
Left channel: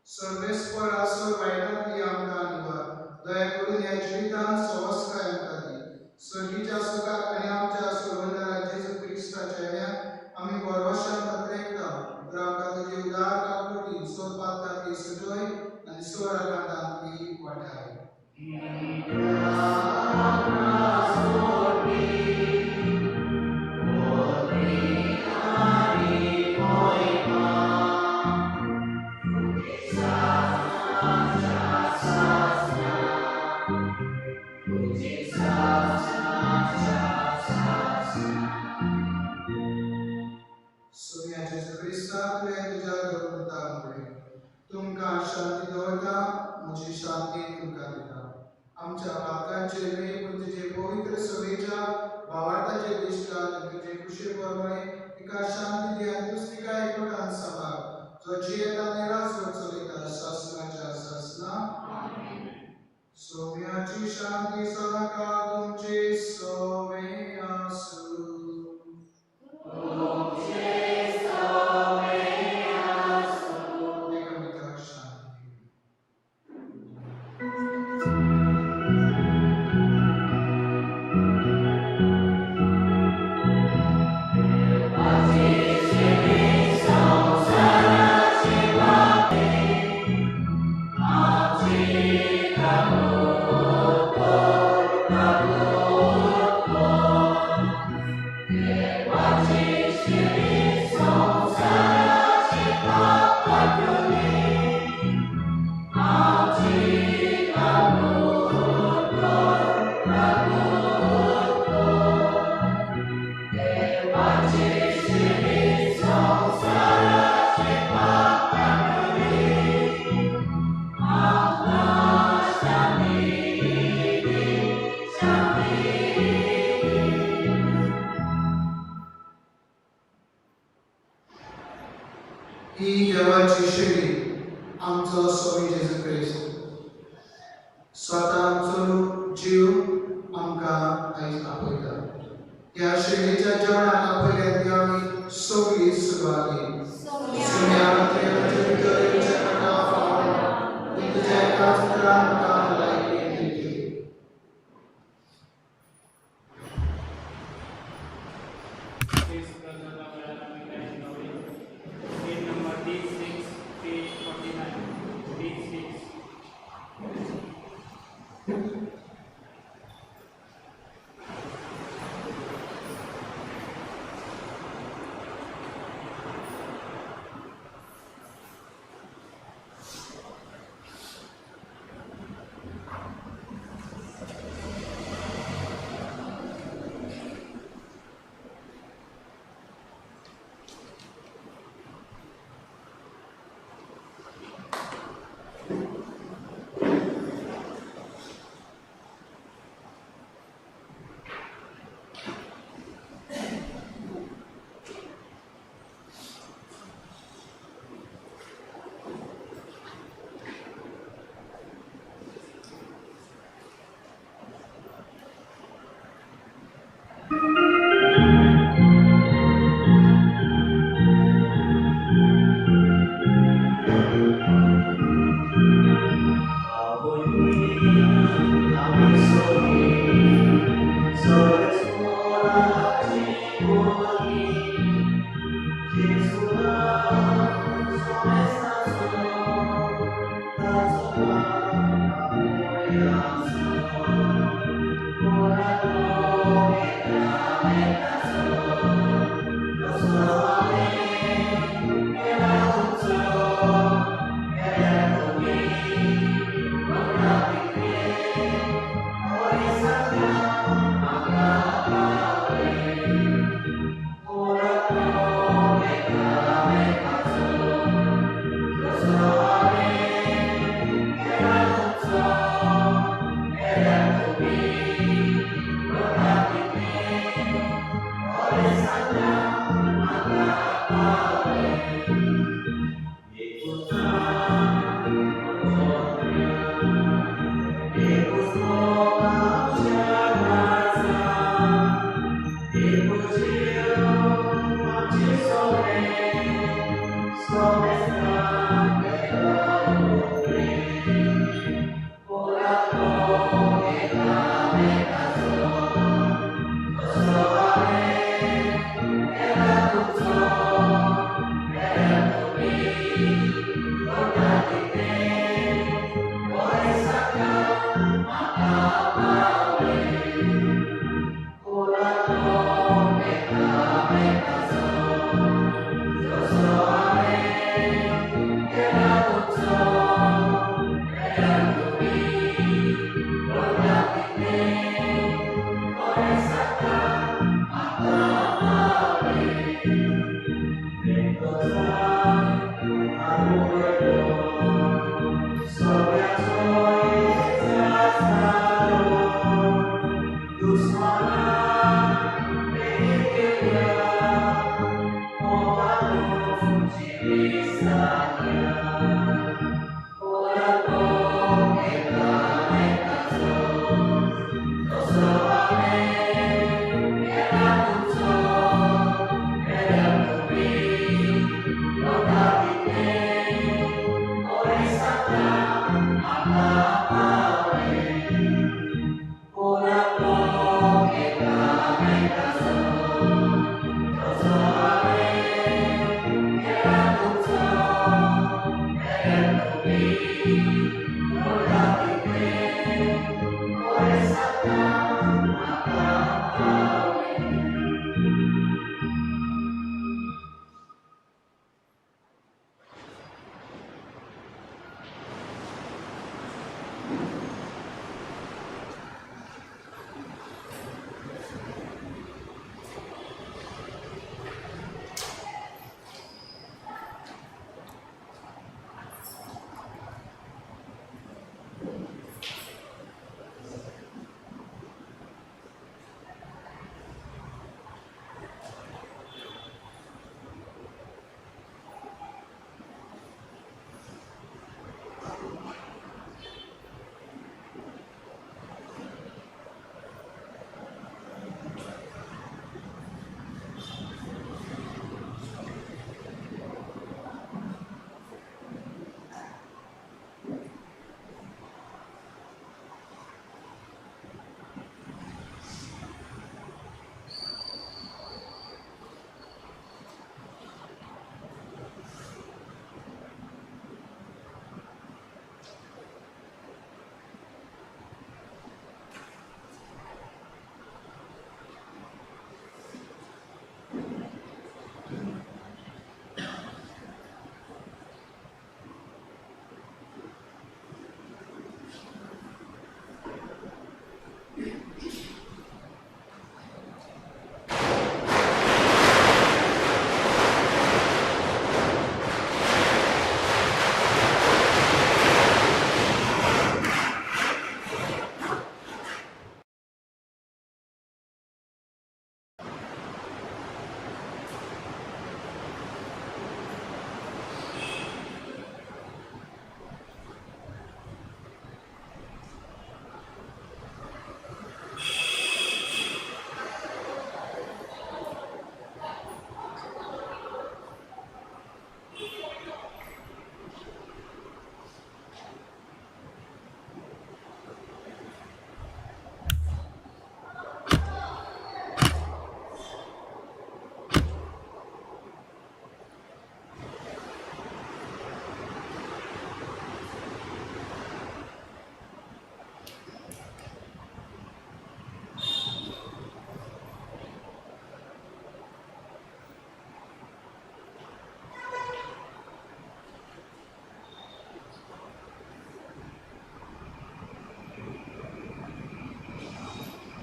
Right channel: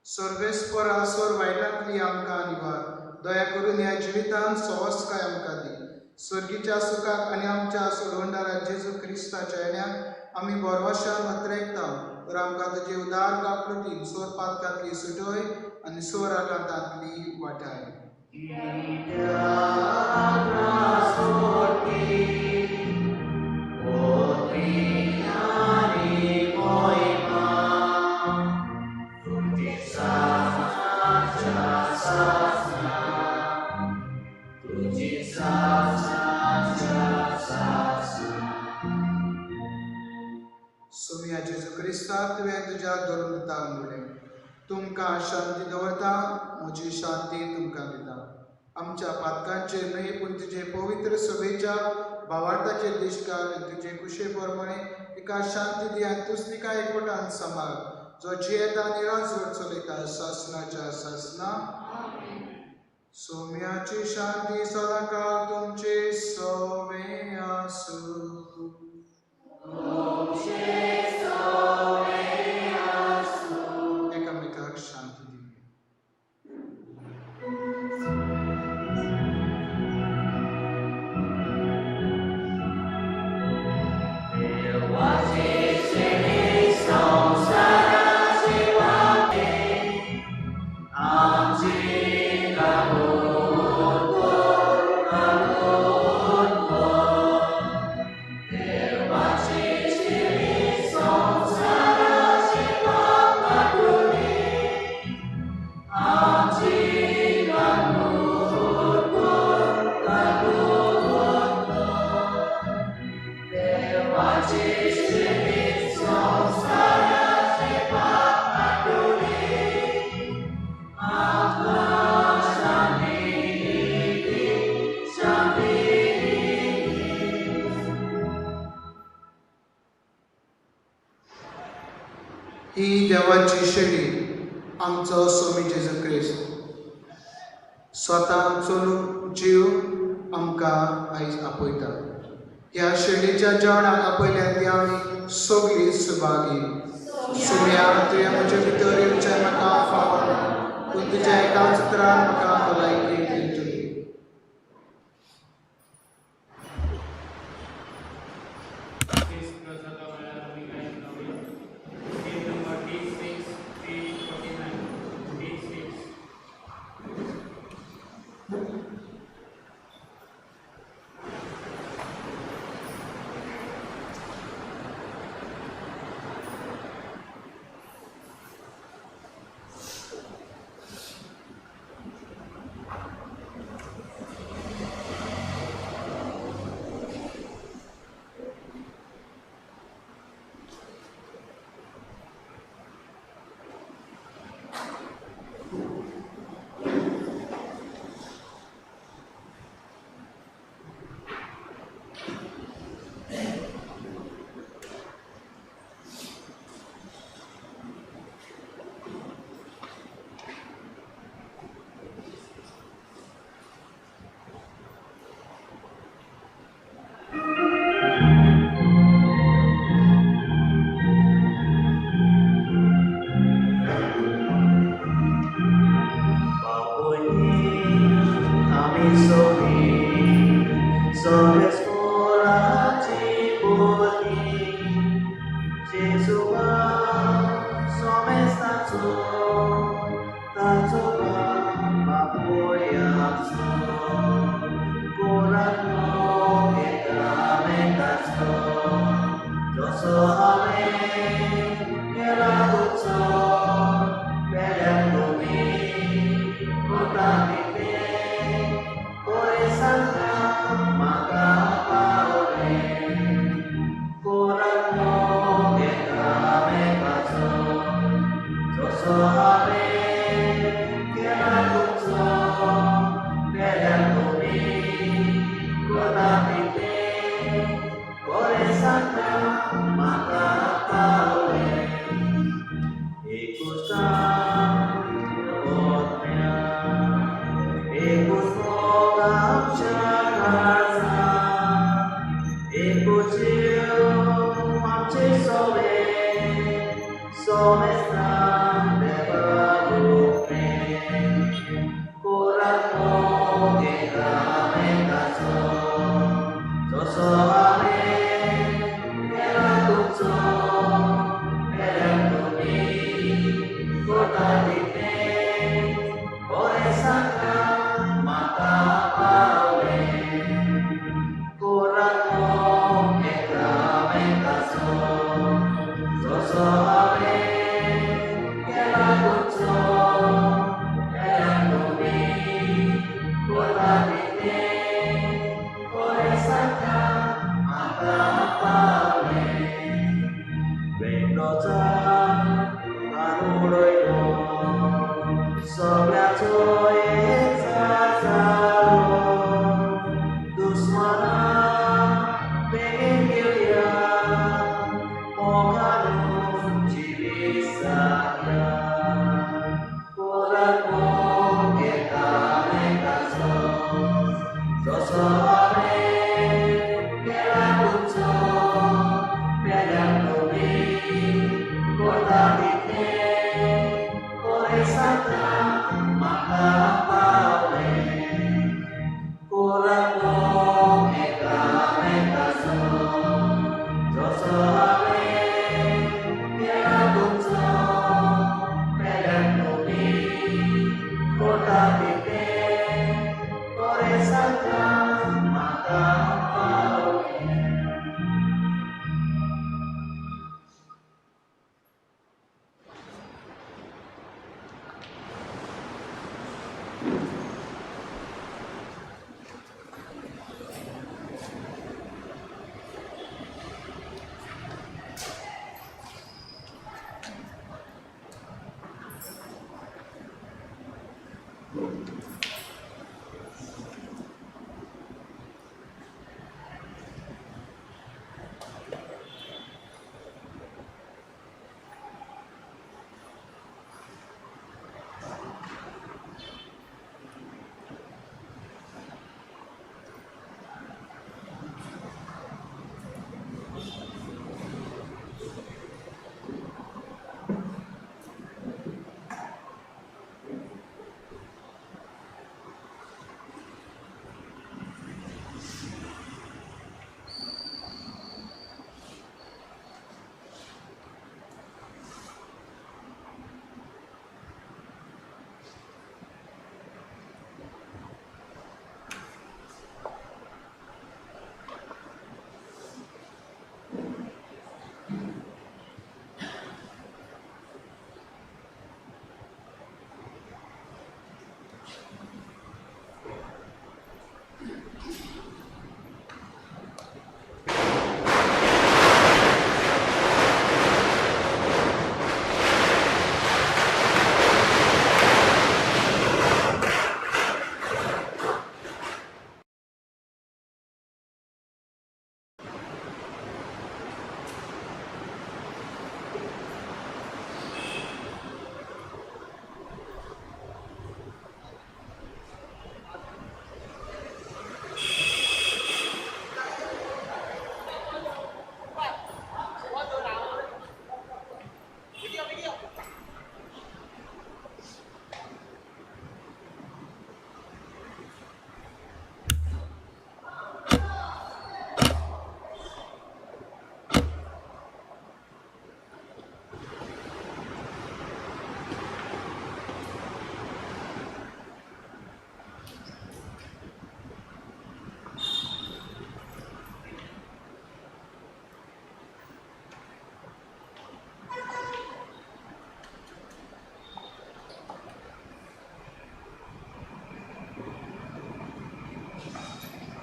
सर्वेस्पर आसोर वायटांतली आमकां निवार. दया करून ह्या जिवितांत सवस्काय आमकां दी. सर्गीच्या सुखाक आनी आमच्या सुरवंडारा जेजू क्रिस्ताच्या येण्याक आमी बरवशान पातळयता. तर आमकां तुजी उदार काकूटी सोर पातकांतली सुटोय आनी सोर आकांतांतली वाटाय. सोम्या जेजू क्रिस्ता तुवें तुज्या धर्मता मुळे तुमकां शांती दवरता. म्हजी शांती तुमकां दिता. आमच्या पातकांचेर न्हय पूण तुजे पवित्र सभेच्या भावार्थाचे दिसता तुझे कुशे प्रमाणे तिका शांती दी आनी तूच तिका एकवटान सांबाळ जो जियेता आनी राजवट चलयता शासनाच्या शासना सौम्याची शांती सदांकाळ तुमचे सवे आसूं एकामेकाक शांती दिवया. ही देवाची शेळी आमचो स्वामी जेजू क्रिस्त स्वता आमचो जीव आमकां आयज आपयता. ह्या शेळीच्या जेवणाक आपयल्या ती आमी सगळीं सुभागी. सुम्या तुवें म्हजे भितर येवचें म्हाका फावना पूण तुज्या एकाच उतरान म्हाका भलायकी दितली. This प्रसाद वेळार आमी काय नवे पेज नंबर 36 पेज 49 36 हे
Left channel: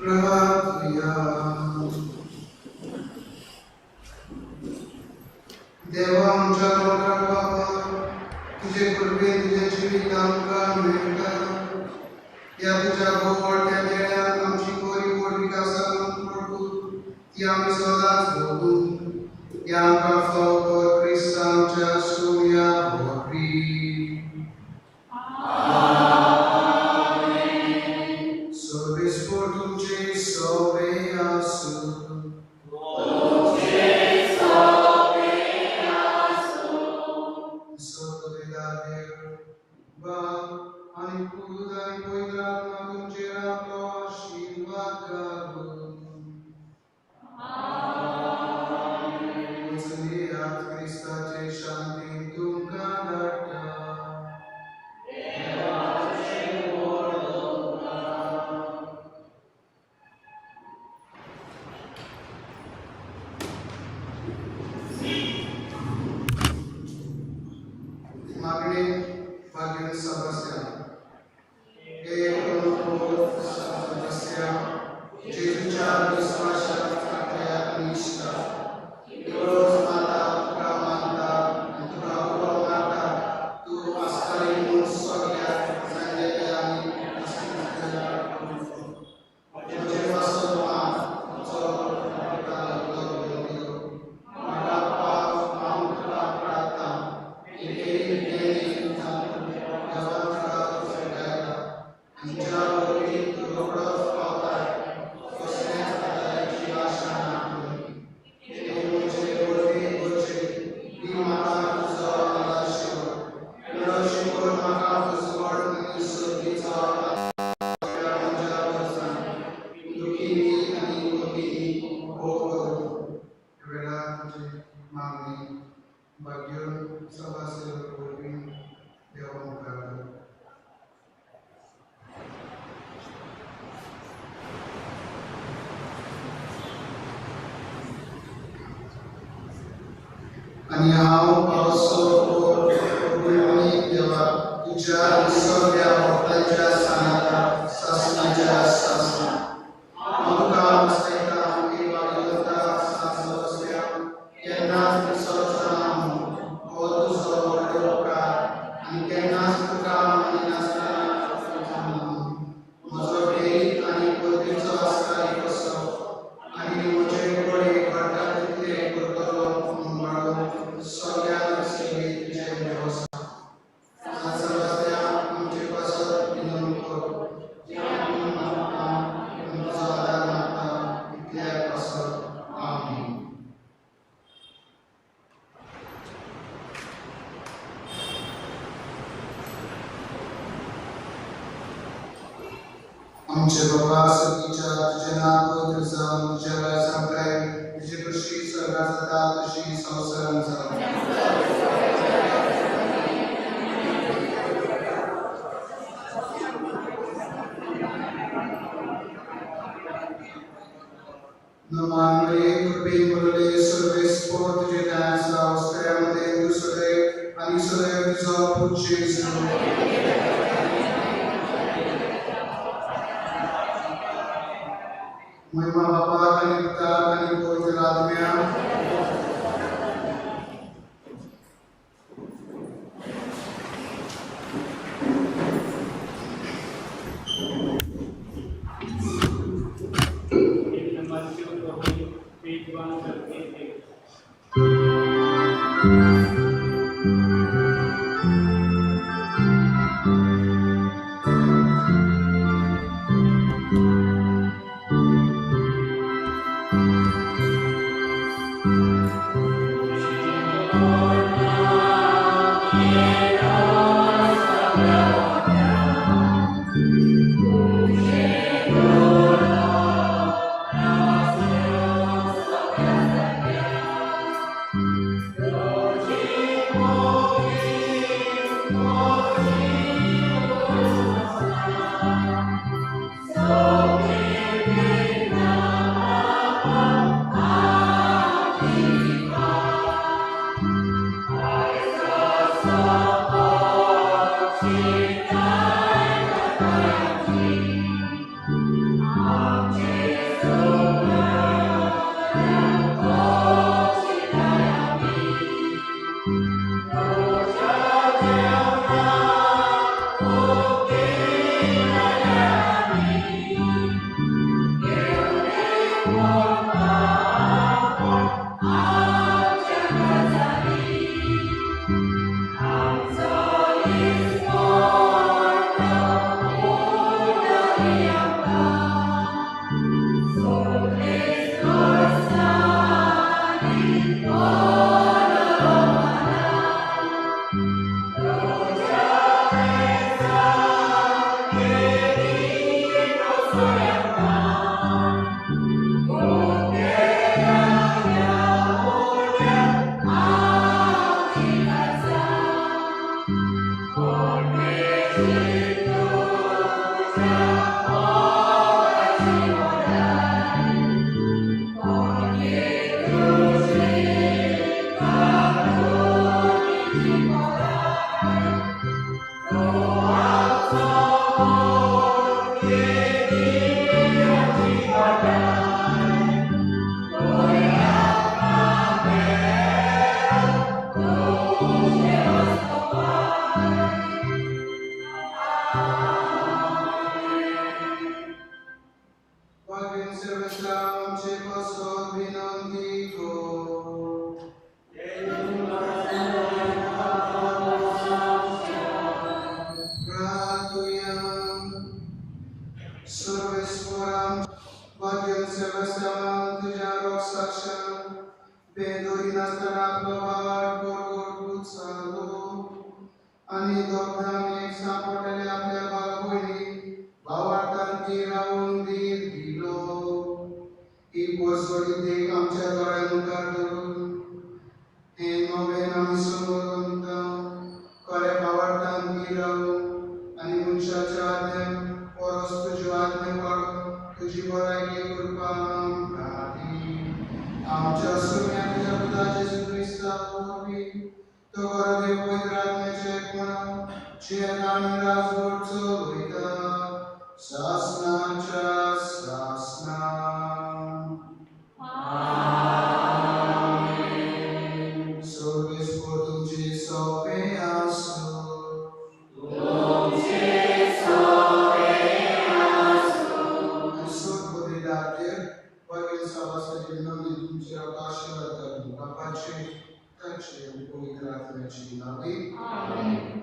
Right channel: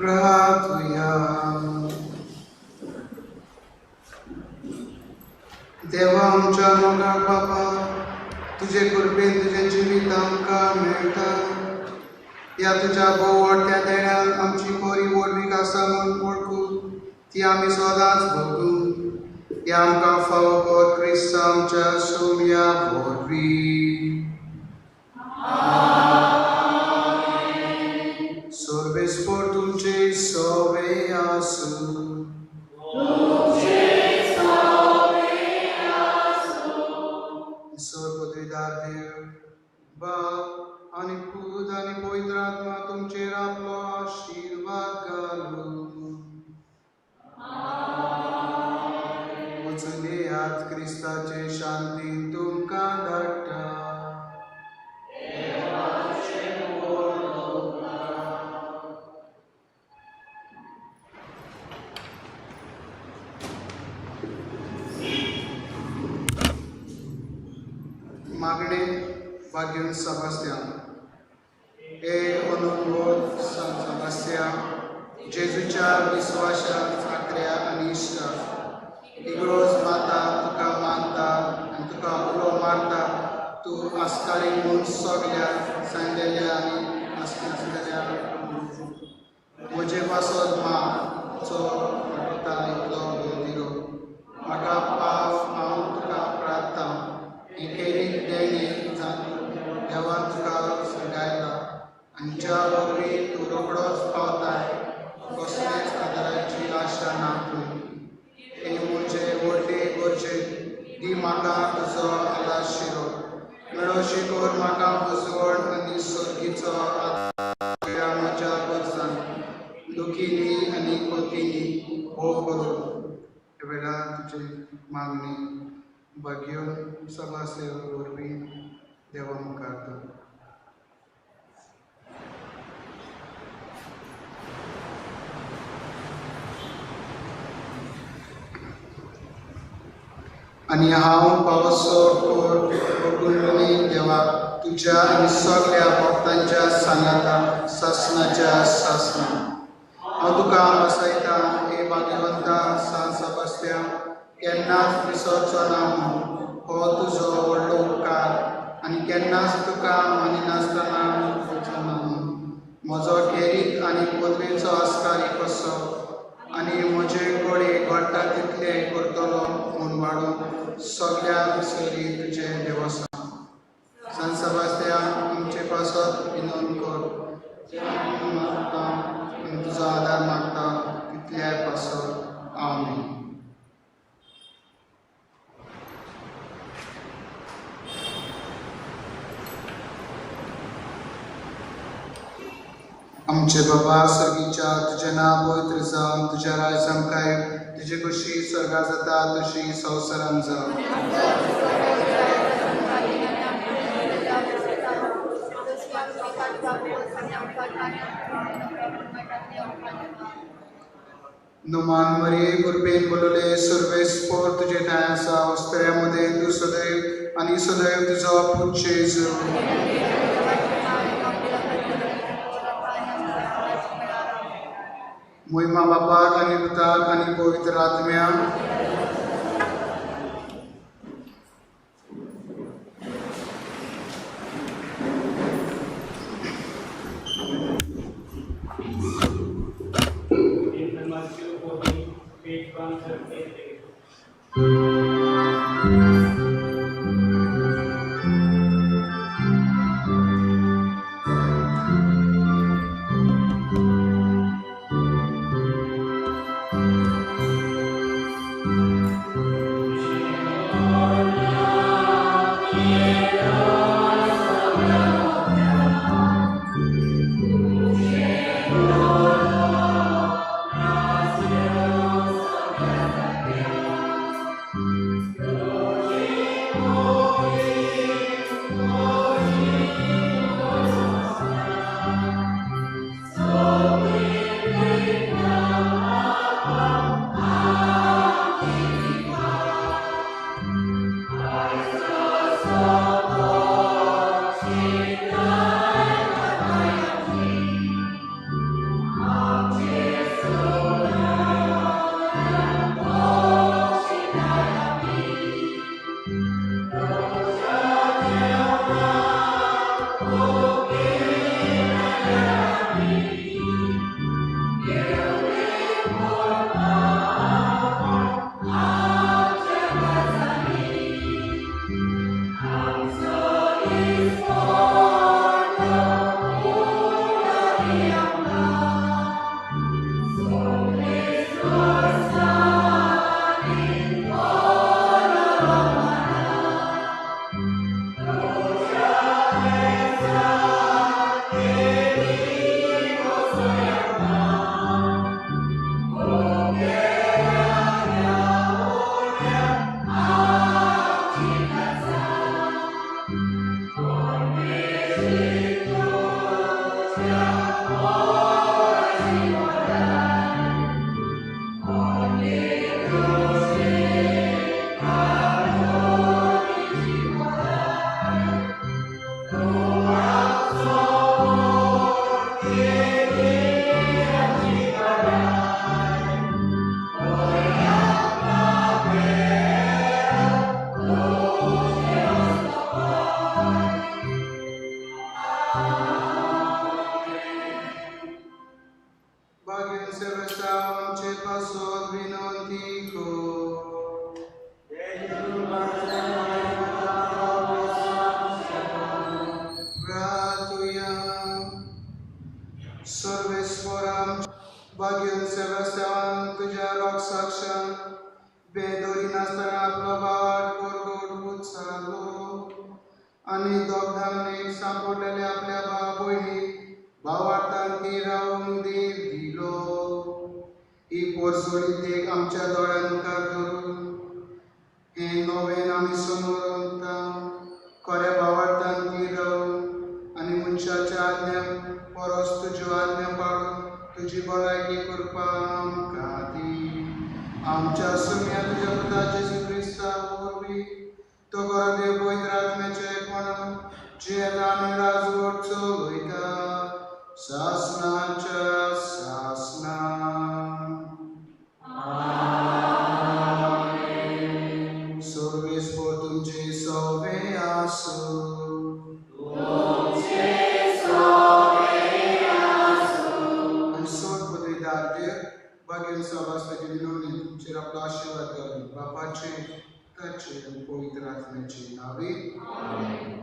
प्रार्थूया. देवा आमच्या नवरा बाबा, तुझे कृपेन तुझे जिवीत आमकां मेळटा. या तुझ्या गोवडत्या देण्यात आमची बरी वडवीक आसा म्हूण वळखून ती आमी सदांच भोगूं. या आमकां फावो क्रिस्त आमच्या सोम्या वरवीं. Sorvespor tuce sove asu. Sorvodridar Dev, Baal आणि पूत आणि पवित्र आत्मा तुमचेर आपलो आशीर्वाद घालून. वचून येयात क्रिस्ताचे शांतीन तुमकां धाडटा. मागणे भाग्यवंत सेबास्त्यान. हे अनुकूल सेबास्त्यान, जेजूच्या विश्वासात खात्र्या आणि इश्टा इगरोज माता तुका मानता आनी तुका उरो मारता. तूं आसताली म्हूण सगल्या सांगलेल्या आनी नासलेल्या म्हजे पासत माचो दिलो. म्हाका पाव हांव तुका प्रार्थना एकेरीन देणी देवान तुका गायला आनी ज्या वरवीं तूं रोखडोच पावताय कसलेच आदाराची आशा ना. हे म्हजे व्हडले गरजे दी म्हाका तुजो आलाशिरो. मेळोशी कोर म्हाका उजवड आनी सर्गीचो म्हज्या वर्सान दुखीनी आनी कुलकीनी हो करून. हे वेळार तुजी मागणी भाग्यवंत सेबास्त्यान वरवीं देवा मुखार दवर. आणि हांव पावसो देवा तुझ्या आनी सगळ्या भक्तांच्या सानाता सासणाच्या सासना हांव तुका आसयता. हे भाग्यवंता सांत सेबास्त्यान, केन्नाच विसरचो ना हो तुजो व्हडलो उपकार आनी केन्नाच तुका मानिनासतना करचो ना. म्हजो खेरीत आनी पदवेचो आस्कारी कसो आनी म्हजे कडेन घडटा तितले करतलो म्हूण वाडून सगळ्या विसरी तुजें देवस्थान. सांत सेबास्त्यान, आमचे पासत विनवणी कर. तुजो आदार मागता तितल्याय पासत. आमीन. आमचे बाबा सर्गीच्या तुझें नांव पवित्र जावन तुज्या रायजांत काय. तुजे कशी स्वर्गांत जाता तशी संवसारांत जावं. नमान मरिये कृपेन भरले सर्वेस्पोर तुजे ठाण आसा. वस्त्र्यामध्ये तूं सदैव आनी सदैव तुजो पूत जेजू. महिमा बापाक आनी पुताक आनी पवित्र आत्म्याक. In Matthew 14, page 138. बेदोरी नासतना आपलो वाट करून चाललो आणि दोघांनी एक सापडलेले आपल्या भावबहिणी भावार्थांती राहून दिलो ही कोसोडी देख आमच्या दोळ्यांका धरून हे नवेन आम्ही समोर खऱ्या भावार्थांती राहून आणि मनशाच्या आज्ञा परस तुज्यो आज्ञा पाळून तुझी भलायकी कृपा आमकां दी आमच्या सुम्या तुझ्या पुत्राचे ख्रिस्ता होवी तो देव पवित्र आत्म्याचे एकपण जे आम्ही राजवट चलयता शासनाच्या शासना सर्वेस्वर तुमचे सवे आसो Bagi sahabat saya di tuमचे आपला आशीर्वाद करून बापाचे त्याचे पवित्र आत्म्याचे नावे आमेन